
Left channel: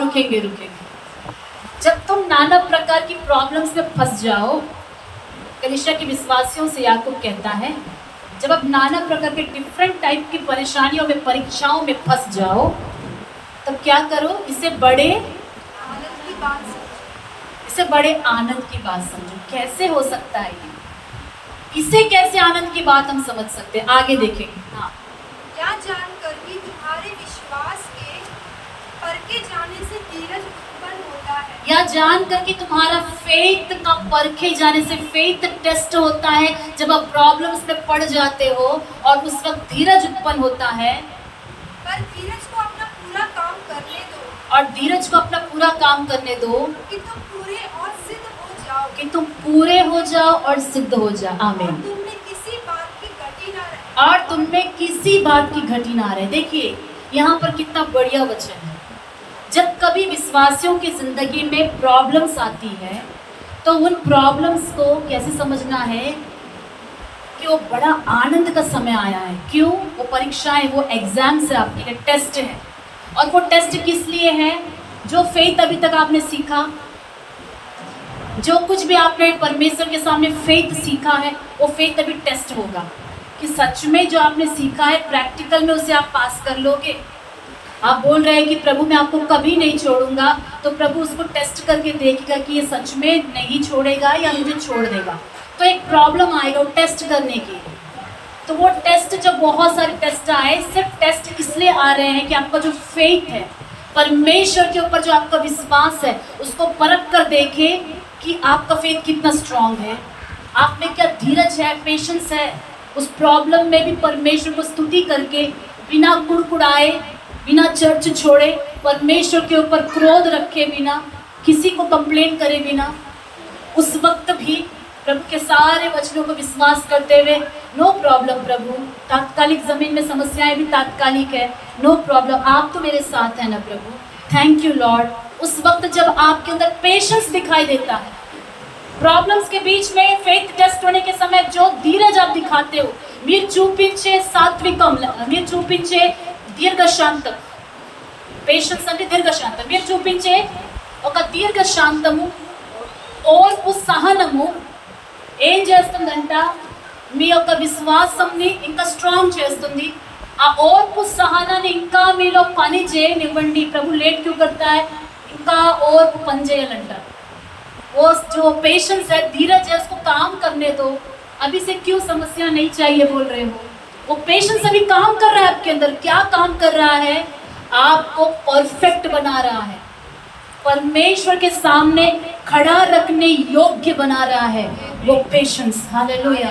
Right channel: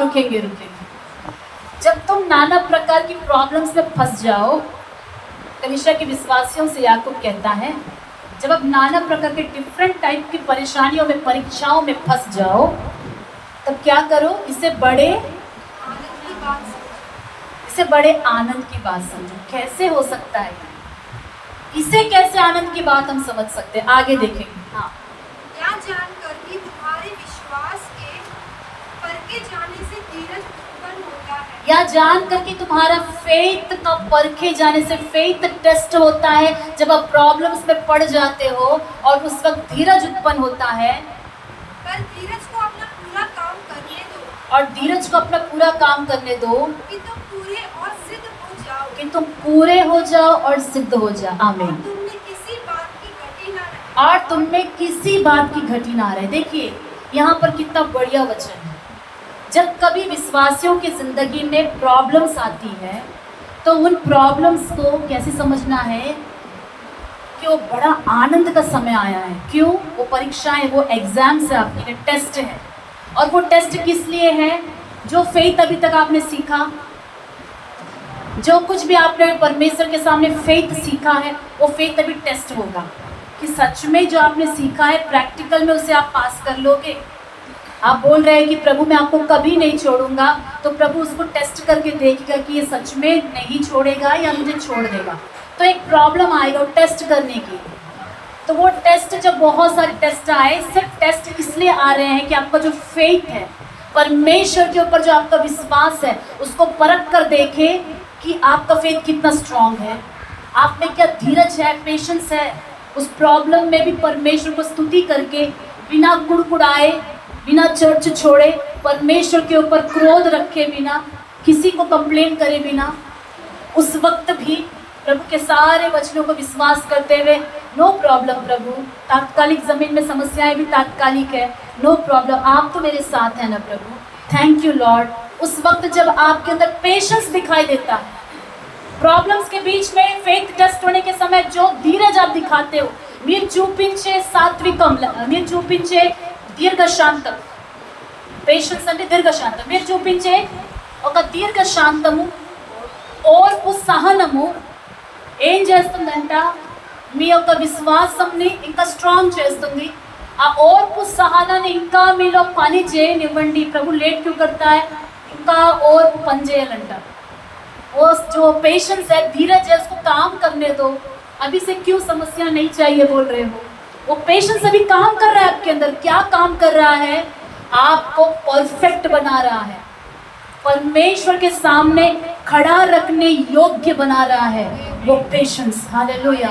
रुकेंगे। जब तुम नाना प्रकार की प्रॉब्लम्स में फंस जाओ, कलीसिया के विश्वासियों से याकूब कहता है जब आप नाना प्रकार के डिफरेंट टाइप की परेशानियों में, परीक्षाओं में फंस जाओ, तब क्या करो, इसे बड़े आनंद की बात समझो। इसे बड़े आनंद की बात समझो। कैसे हो सकता है ये? इसे कैसे आनंद की बात हम समझ सकते हैं? आगे देखेंगे। हाँ, क्या जानकर कि तुम्हारे विश्वास के परखे जाने से धीरज उत्पन्न होता है। या जान कर कि तुम्हारा फेथ का परखे जाने से, फेथ टेस्ट होता है जब आप प्रॉब्लम्स में पड़ जाते हो और उस वक्त धीरज उत्पन्न होता है। पर धीरज को अपना पूरा काम करने दो और धीरज को अपना पूरा काम करने दो कि तुम पूरे और सिद्ध हो जाओ कि तुम पूरे हो जाओ और सिद्ध हो जाओ। और आमीन। तुमने किसी बात की घटी न रहे। और तुम में किसी बात की घटी ना रहे। देखिए यहाँ पर कितना बढ़िया वचन है। जब कभी विश्वासियों की जिंदगी में प्रॉब्लम्स आती है तो उन प्रॉब्लम्स को कैसे समझना है कि वो बड़ा आनंद का समय आया है। क्यों? वो परीक्षाएं, वो एग्जाम्स है, आपके लिए टेस्ट है। और वो टेस्ट किस लिए है? जो फेथ अभी तक आपने सीखा, जो कुछ भी आपने परमेश्वर के सामने फेथ सीखा है, वो फेथ अभी टेस्ट होगा कि सच में जो आपने सीखा है प्रैक्टिकल में उसे आप पास कर लोगे। आप बोल रहे हैं कि प्रभु मैं आपको कभी नहीं छोड़ूंगा, तो प्रभु उसको टेस्ट करके देखेगा कि ये सच में नहीं छोड़ेगा या मुझे छोड़ देगा। तो एक प्रॉब्लम आएगा वो टेस्ट करने की। तो वो टेस्ट, जब बहुत सारे टेस्ट आए, सब टेस्ट इसलिए आ रहे हैं कि आपका जो फेथ है, परमेश्वर के ऊपर जो आपका विश्वास है, उसको परख कर देखे कि आपका फेथ कितना स्ट्रांग है, आप में क्या धीरज है, पेशेंस है। उस प्रॉब्लम में भी परमेश्वर को स्तुति करके, बिना कुड़कुड़ाए, बिना चर्च छोड़े, परमेश्वर के ऊपर क्रोध रखे बिना, किसी को कंप्लेन करे बिना, उस वक्त भी प्रभु के सारे वचनों को विश्वास करते हुए, नो प्रॉब्लम प्रभु, तात्कालिक ज़मीन में समस्याएं भी तात्कालिक है, नो प्रॉब्लम, आप तो मेरे साथ हैं ना प्रभु, थैंक यू लॉर्ड। उस वक्त जब आपके अंदर पेशेंस दिखाई देता है, प्रॉब्लम्स के बीच में फेथ टेस्ट होने के समय जो धीरज आप दिखाते हो, మీరు చూపించే సాత్వికం, మీరు చూపించే దీర్ఘశాంతం, పేషెన్స్ అంటే దీర్ఘశాంతం, మీరు చూపించే ఒక దీర్ఘశాంతము, ఓర్పు, సహనము ఏం చేస్తుందంట, మీ యొక్క విశ్వాసంని ఇంకా స్ట్రాంగ్ చేస్తుంది। ఆ ఓర్పు సహనాన్ని ఇంకా మీలో పని చేయనివ్వండి। ప్రభు లేట్ క్యూ करता है, ఇంకా ఓర్పు పని చేయాలంట। वो जो पेशेंस है, धीरज है, उसको काम करने दो। अभी से क्यों समस्या नहीं चाहिए बोल रहे हो? वो पेशेंस अभी काम कर रहा है आपके अंदर। क्या काम कर रहा है? आपको परफेक्ट बना रहा है, परमेश्वर के सामने खड़ा रखने योग्य बना रहा है वो पेशेंस। हालेलुया।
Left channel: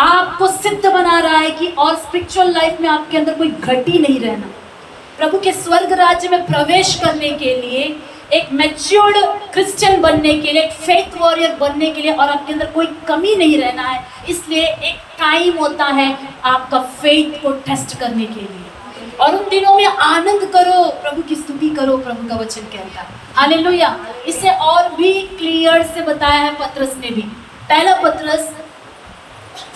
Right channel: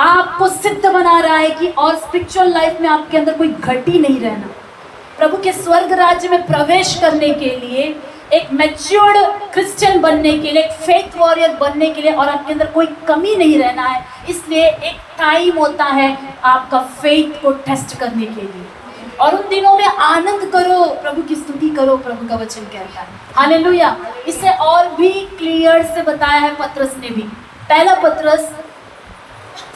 आपको सिद्ध बना रहा है कि और स्पिरिचुअल लाइफ में आपके अंदर कोई घटी नहीं रहना। प्रभु के स्वर्ग राज्य में प्रवेश करने के लिए, एक मैच्योर्ड क्रिश्चियन बनने के लिए, एक फेथ वॉरियर बनने के लिए, और आपके अंदर कोई कमी नहीं रहना है। इसलिए एक टाइम होता है आपका फेथ को टेस्ट करने के लिए, और उन दिनों में आनंद करो, प्रभु की स्तुति करो, प्रभु का वचन कहता है। हालेलुया। इसे और भी क्लियर से बताया है पत्रस ने भी। पहला पत्रस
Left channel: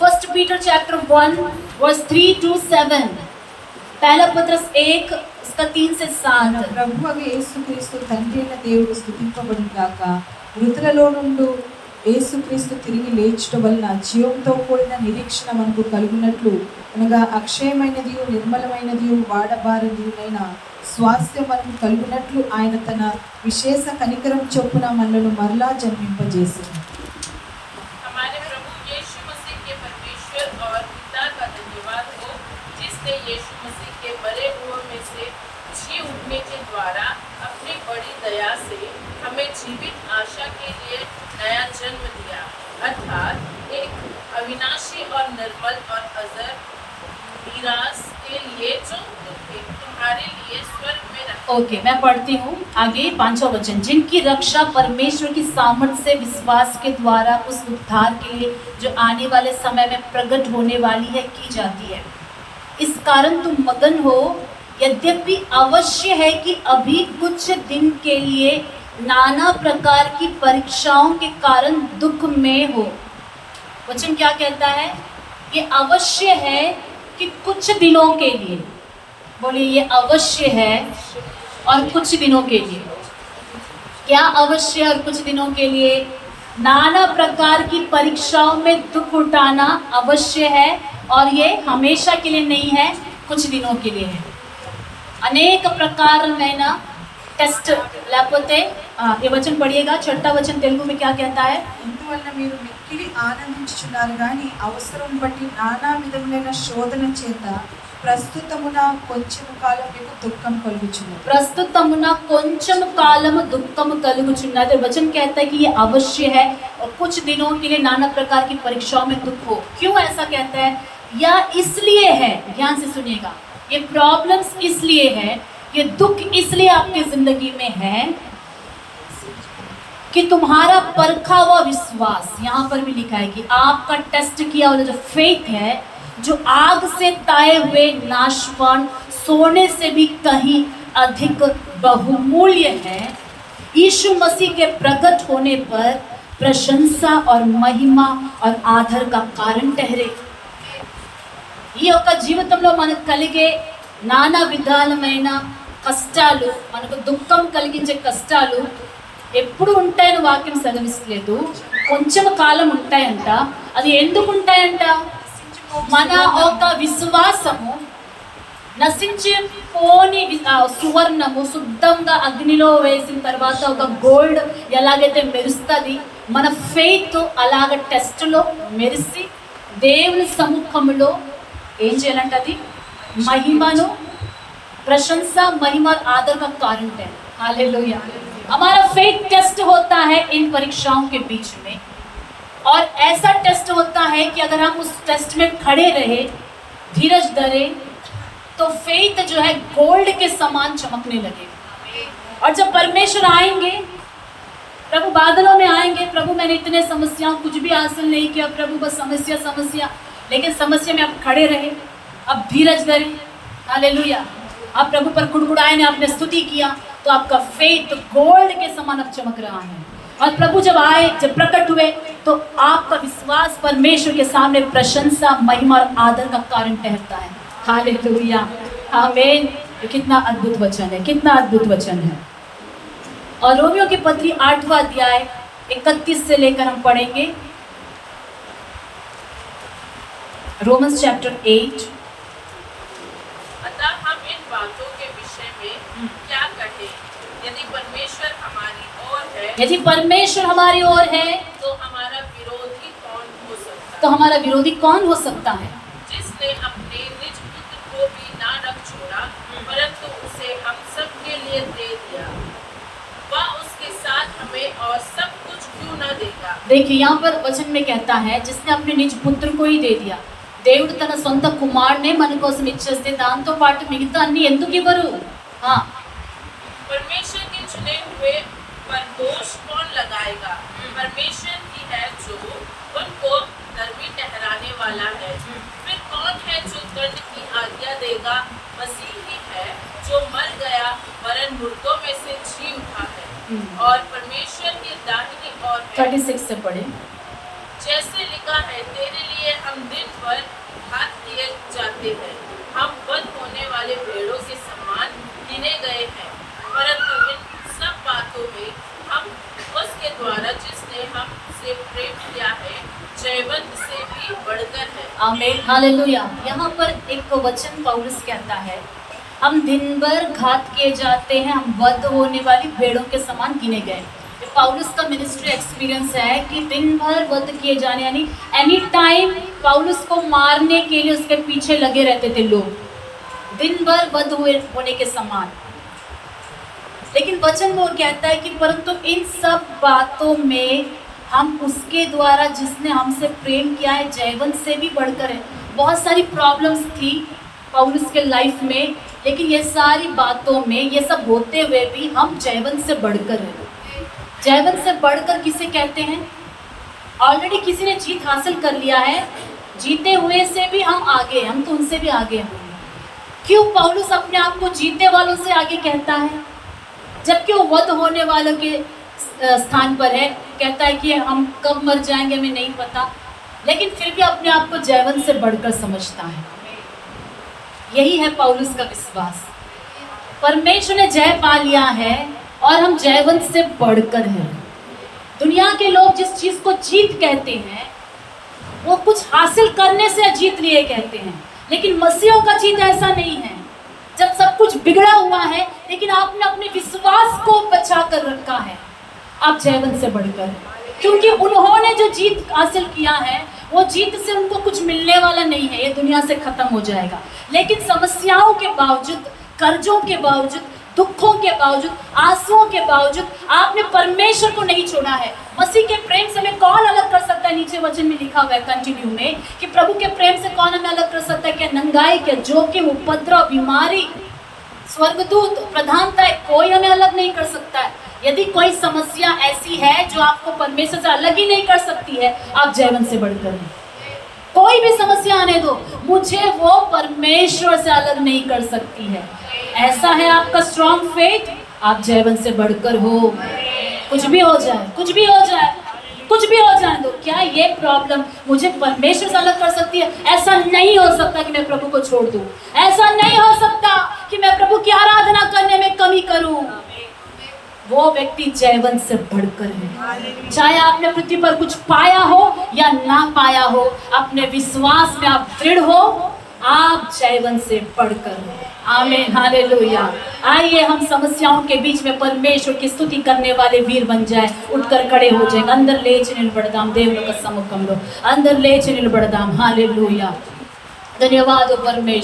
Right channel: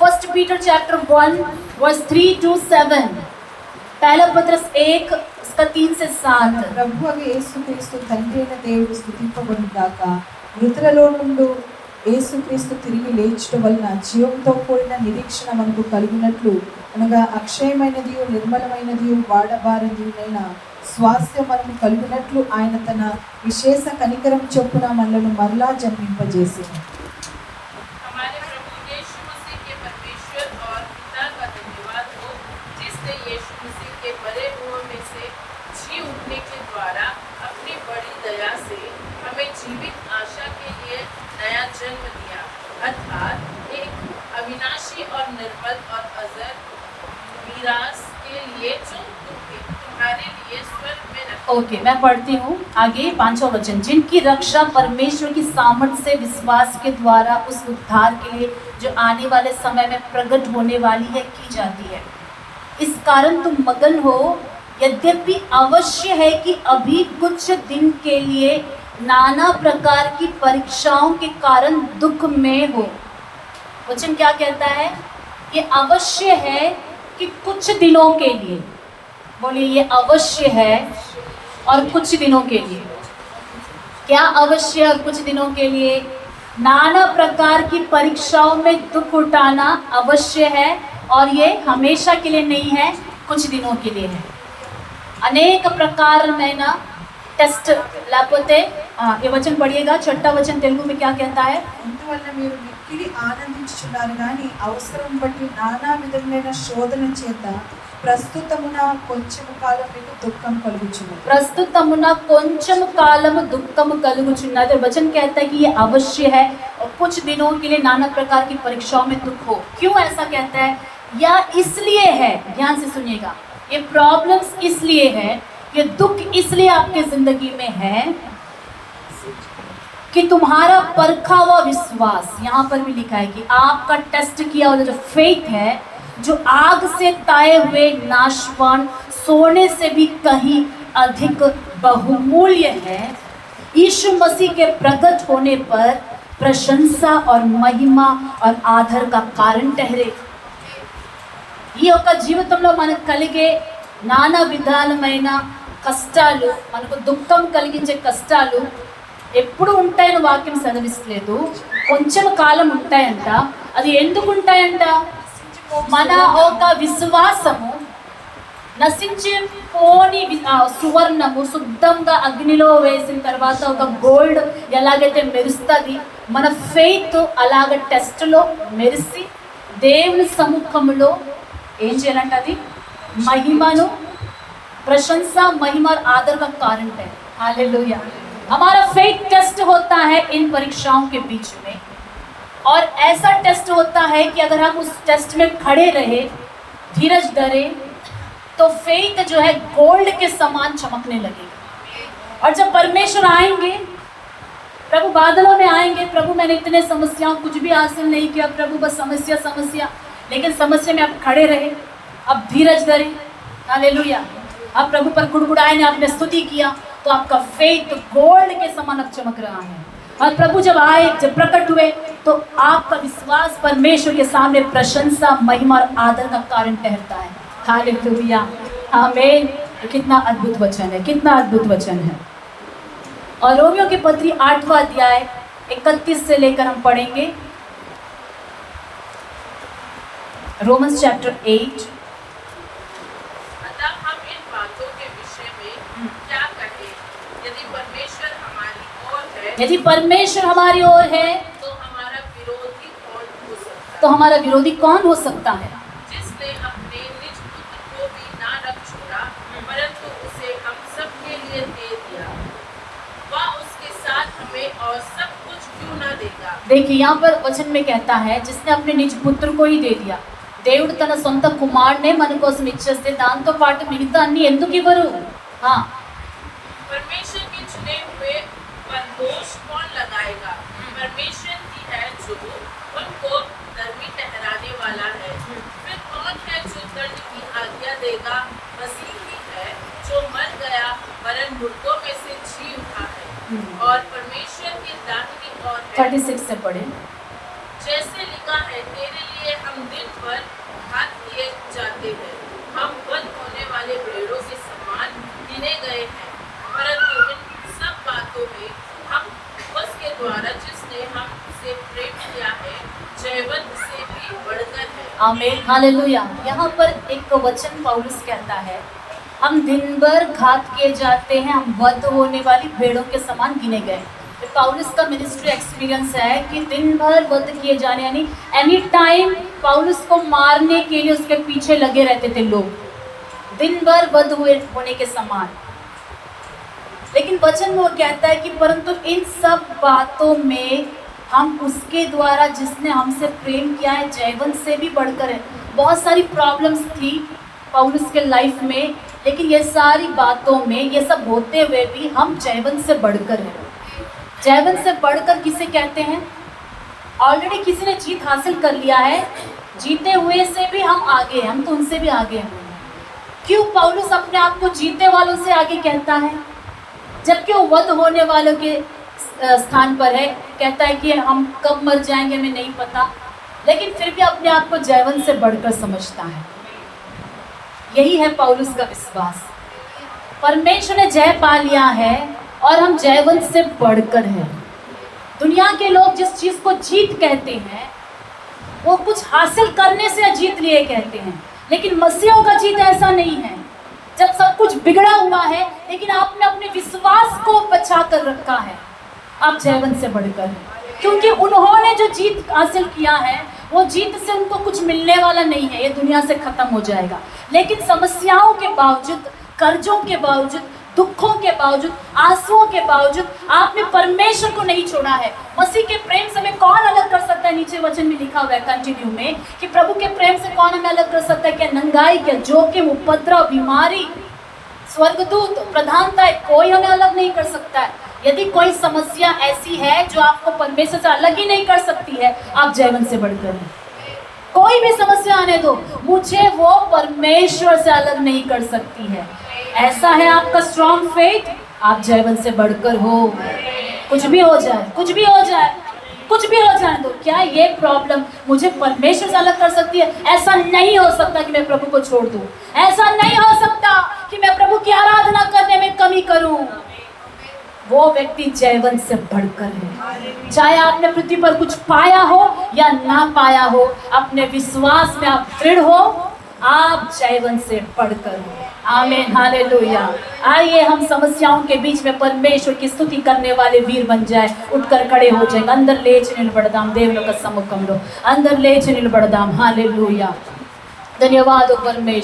1 पीटर चैप्टर 1 वर्स 3 to 7। पहला पत्रस 1 उसका 3 से 7। ప్రభు అవి యేసుక్రీస్తు తండ్రి అయిన దేవుడు స్తుతింపబడును గాక। మృతులలో నుండి యేసుక్రీస్తు తిరిగి లేచుట వలన జీవంతో కూడిన నిరీక్షణ మనకు కలిగినట్లు, అనగా అక్షయమైనది, నిర్మలమైనది, వాడబారినదియైన స్వాస్థ్యం మనకు కలిగినట్లు ఆయన తన విశేష కనికరం చొప్పున మనలను మరలా జన్మింపజేసింది। हमारे प्रभु यीशु मसीह के परमेश्वर और पिता का धन्यवाद हो, जिसने यीशु मसीह के मरे हुओं में से जी उठने के द्वारा अपनी बड़ी दया से हमें जीवित आशा के लिए नया जन्म दिया, अर्थात एक अविनाशी और निर्मल और अजर मीरास के लिए जो तुम्हारे लिए स्वर्ग में रखा। ओके, मैं पढ़ती हूँ आगे 5वां वचन। जिनकी रक्षा परमेश्वर की सामर्थ से विश्वास के द्वारा उस उद्धार के लिए जो आने वाले समय में प्रकट होने वाली है की जाती है। इस कारण तुम मगन हो, यद्यपि अवश्य है कि अभी कुछ दिन के लिए नाना प्रकार की परीक्षाओं के कारण दुख में हो। वचन क्या कहता है? ये अवश्य है कि कुछ दिनों के लिए, बोलिए ये अवश्य है और कुछ दिनों के लिए। क्या अवश्य और कुछ दिनों के लिए? नाना प्रकार की परीक्षाओं में दुख उठाना अवश्य है और ये हमेशा के लिए नहीं है, कुछ दिनों के लिए है. अनेक प्रकारమైన టెస్ట్ లేకపోతే ये वचन पढ़िएगा. छठा वचन तेलुगु में क्या कहता है? ఇందువల్ల మీరు మిక్కిలి ఆనందించుచున్నారు కానీ అవసరం బట్టి నానా విధములైన శోధన చేత ప్రస్తుతమున కొంచెం కాలం మీకు దుఃఖం కలుగుచున్నది. प्रस्तुतमुना కొంచెం కాలము దుఃఖము కలుగుచున్నది. वचन कहता है कि ये अवश्य है और कुछ दिनों के लिए नाना प्रकार की परीक्षाओं में दुख हो. क्यों ऐसा कहता है? या इसलिए है, ध्यान से सुनिएगा, ये प्रॉब्लम्स इसलिए है, ये दुख इसलिए आपके जिंदगी में है कि तुम्हारा परखा हुआ विश्वास, यहाँ पर भी लिखा है कि आपका टेस्ट किया हुआ जो फेथ है, जो आग से ताए हुए नाशवान सोने से भी कहीं अधिक बहुमूल्य है, यीशु मसीह के प्रकट होने पर प्रशंसा और महिमा और आदर का कारण ठहरे. ఈ యొక్క జీవితంలో మనకు కలిగే నానా విధాలమైన కష్టాలు, మనకు దుఃఖం కలిగించే కష్టాలు ఎప్పుడు ఉంటాయని వాక్యం సెలవిస్తలేదు. కొంచెం కాలం ఉంటాయంట. అది ఎందుకు ఉంటాయంట? మన ఒక విశ్వాసము నశించిపోని సువర్ణము శుద్ధంగా అగ్నిలో వేసిన తర్వాత ఒక గోల్డ్ ఎలాగైతే మెరుస్తుంది, మన ఫెయిత్ అలాగ టెస్ట్లో మెరిసి దేవుని సముఖంలో ఏం చేయాలంటే అది महिमानु प्रशंसा, महिमा और आदर का कारण है. हालेलुया. हमारा फेथ टेस्ट होता है इन परीक्षाओं के बीच में, और ऐसा टेस्ट होता है कि अगर हम उस टेस्ट में खड़े रहे, धीरज धरे, तो फेथ जो है गोल्ड के समान चमकने लगेगा. और जब परमेश्वर आएंगे, प्रभु बादलों में आएंगे, प्रभु मैंने इतने समस्याओं कुछ भी हासिल नहीं किया, प्रभु बस समस्या समस्या, लेकिन समस्या में आप खड़े रहे, अब धीरज धरे. हालेलुया. आप प्रभु पर गुड़गुड़ाए ने, आपने स्तुति किया, तो आपका फेथ गोल्ड के समान अब चमक रहा है. और प्रभु जब आए, जब प्रकट हुए, तो आपका विश्वास परमेश्वर के सामने प्रशंसा, महिमा और आदर का कारण ठहरता है. हालेलुया. आमीन. ये कितना अद्भुत वचन है, कितना अद्भुत वचन है. और रोमियो की पत्री 8वां अध्याय 31 से लेकर हम पढ़ेंगे. Romans chapter 8. अतः हम इन बातों के विषय में क्या कहें? यदि परमेश्वर हमारी ओर है, यदि परमेश्वर हमारी ओर है, तो हमारा विरोधी कौन हो सकता तो हमारा विरोधी कौन हो सकता है? है? जिसने अपने निज पुत्र को भी ना रख छोड़ा, परंतु उसे हम सब के लिए दे दिया, वह उसके साथ हमें और सब कुछ क्यों ना देगा? देखिए यहाँ पर वचन में कहता है, जिसने अपने निज पुत्र को ही दे दिया. దేవుడు తన సొంత కుమారునే మన కోసం ఇచ్చేస్తే దాంతో పాటు మిగతా అన్ని ఎందుకు ఇవ్వరు? परमेश्वर के चुने हुए पर दोष कौन लगाएगा? परमेश्वर ही है जो उनको धर्मी ठहराने वाला है. फिर कौन है जो दंड की आज्ञा देगा? मसीह ही है जो मर गया वरन मुर्दों में से जी उठा है, और परमेश्वर की दाहिनी ओर है. 36 से पढ़े. जैसे लिखा है, तेरे लिए हम दिन भर घात दिए जाते हैं, हम वध होने वाले भेड़ों के समान गिने गए हैं. परंतु इन सब बातों में हम उसके द्वारा जिसने हमसे प्रेम किया है जयवंत से भी बढ़कर है. आमीन. हालेलुया. यहाँ पर एक वचन पौलुस कहता है, हम दिन भर घात किए जाते हैं, हम वध होने वाली भेड़ों के समान गिने गए. ये पौलुस का मिनिस्ट्री एक्सपीरियंस है कि दिन भर वध किए जाने, यानी एनी टाइम पौलुस को मारने के लिए उसके पीछे लगे रहते थे लोग, दिन भर वध होने के समान. लेकिन वचन में वो कहता है कि परंतु इन सब बातों में हम उसके द्वारा जिसने हमसे प्रेम किया है जयवंत से भी बढ़कर है. बहुत सारी प्रॉब्लम्स थी पौलुस के लाइफ में, लेकिन ये सारी बातों में ये सब होते हुए भी हम जयवंत से बढ़कर हैं. जयवंत से बढ़कर किसे कहते हैं? ऑलरेडी किसी ने जीत हासिल कर लिया है, जीते हुए से भी हम आगे, हम तो उनसे भी आगे हैं. क्यों पौलुस अपने आप को जीते वालों से आगे कहता है, जबकि वो वध होने वालों के स्थान पर है? कहता है कि हम कब मर जाएंगे हमें नहीं पता, लेकिन फिर भी अपने आप को जयवंत से बढ़कर समझता है. यही है पौलुस का विश्वास. परमेश्वर ने जय पा लिया है और हम जयवंत से बढ़कर हैं. दुनिया के लोग जिस चीज़ को जीत कहते हैं वो कुछ हासिल करने से जीत लिए कहते हैं, लेकिन मसीहों का जीत ऐसा नहीं है। जब सब कुछ बिगड़ा हुआ है लेकिन आपने अपने विश्वास को बचा कर रखा है, आप जयवंत से बढ़कर, क्योंकि उन्होंने जो जीत हासिल किया है वो जीत से उनको कुछ मिलने वाला नहीं है, ये दुनिया से खत्म हो जाएगा। लेकिन समस्याओं के बावजूद, कर्जों के बावजूद, दुखों के बावजूद, आंसुओं के बावजूद आपने परमेश्वर को नहीं छोड़ा है। मसीह के प्रेम से हमें कौन अलग कर सकता है? नीचे वचन में लिखा हुआ है कंटिन्यू में कि प्रभु के प्रेम से कौन हमें अलग कर सकता है? क्या नंगाई, क्या जोखिम, उपद्रव, बीमारी, स्वर्गदूत, प्रधानता, कोई हमें अलग नहीं कर सकता है। यदि कोई समस्या ऐसी है जो आपको परमेश्वर से अलग ही नहीं कर सकती है, आप जयवंत से बढ़कर हैं। कोई भी समस्या आने दो, मुझे वो परमेश्वर से अलग नहीं कर सकती है। ऐसा है आपका स्ट्रॉन्ग फेथ, आप जयवंत से बढ़कर हो। कुछ भी हो जाए, कुछ भी हो जाए, कुछ भी हो जाए, तो क्या ये प्रॉब्लम मुझे परमेश्वर से अलग कर सकती है? ऐसा नहीं हो सकता कि मैं प्रभु को छोड़ दूं। ऐसा नहीं हो सकता कि मैं प्रभु की आराधना करने में कमी करूं। वो व्यक्ति जयवंत से बढ़कर है। चाहे आपने पृथ्वी पर कुछ पाया हो या ना पाया हो, अपने विश्वास में आप दृढ़ हो, आप जयवंत से बढ़कर हो। आमीन, हालेलुया। आइए हम समस्याओं के बीच में परमेश्वर की स्तुति करने वाले वीर बन जाए। उठकर खड़े हो जाएंगे। अंदर लेచి నిలబడదాం, దేవుని యొక్క సముఖంలో అందరు లేచి నిలబడదాం। हालेलुया। धन्यवाद परमेश्वर।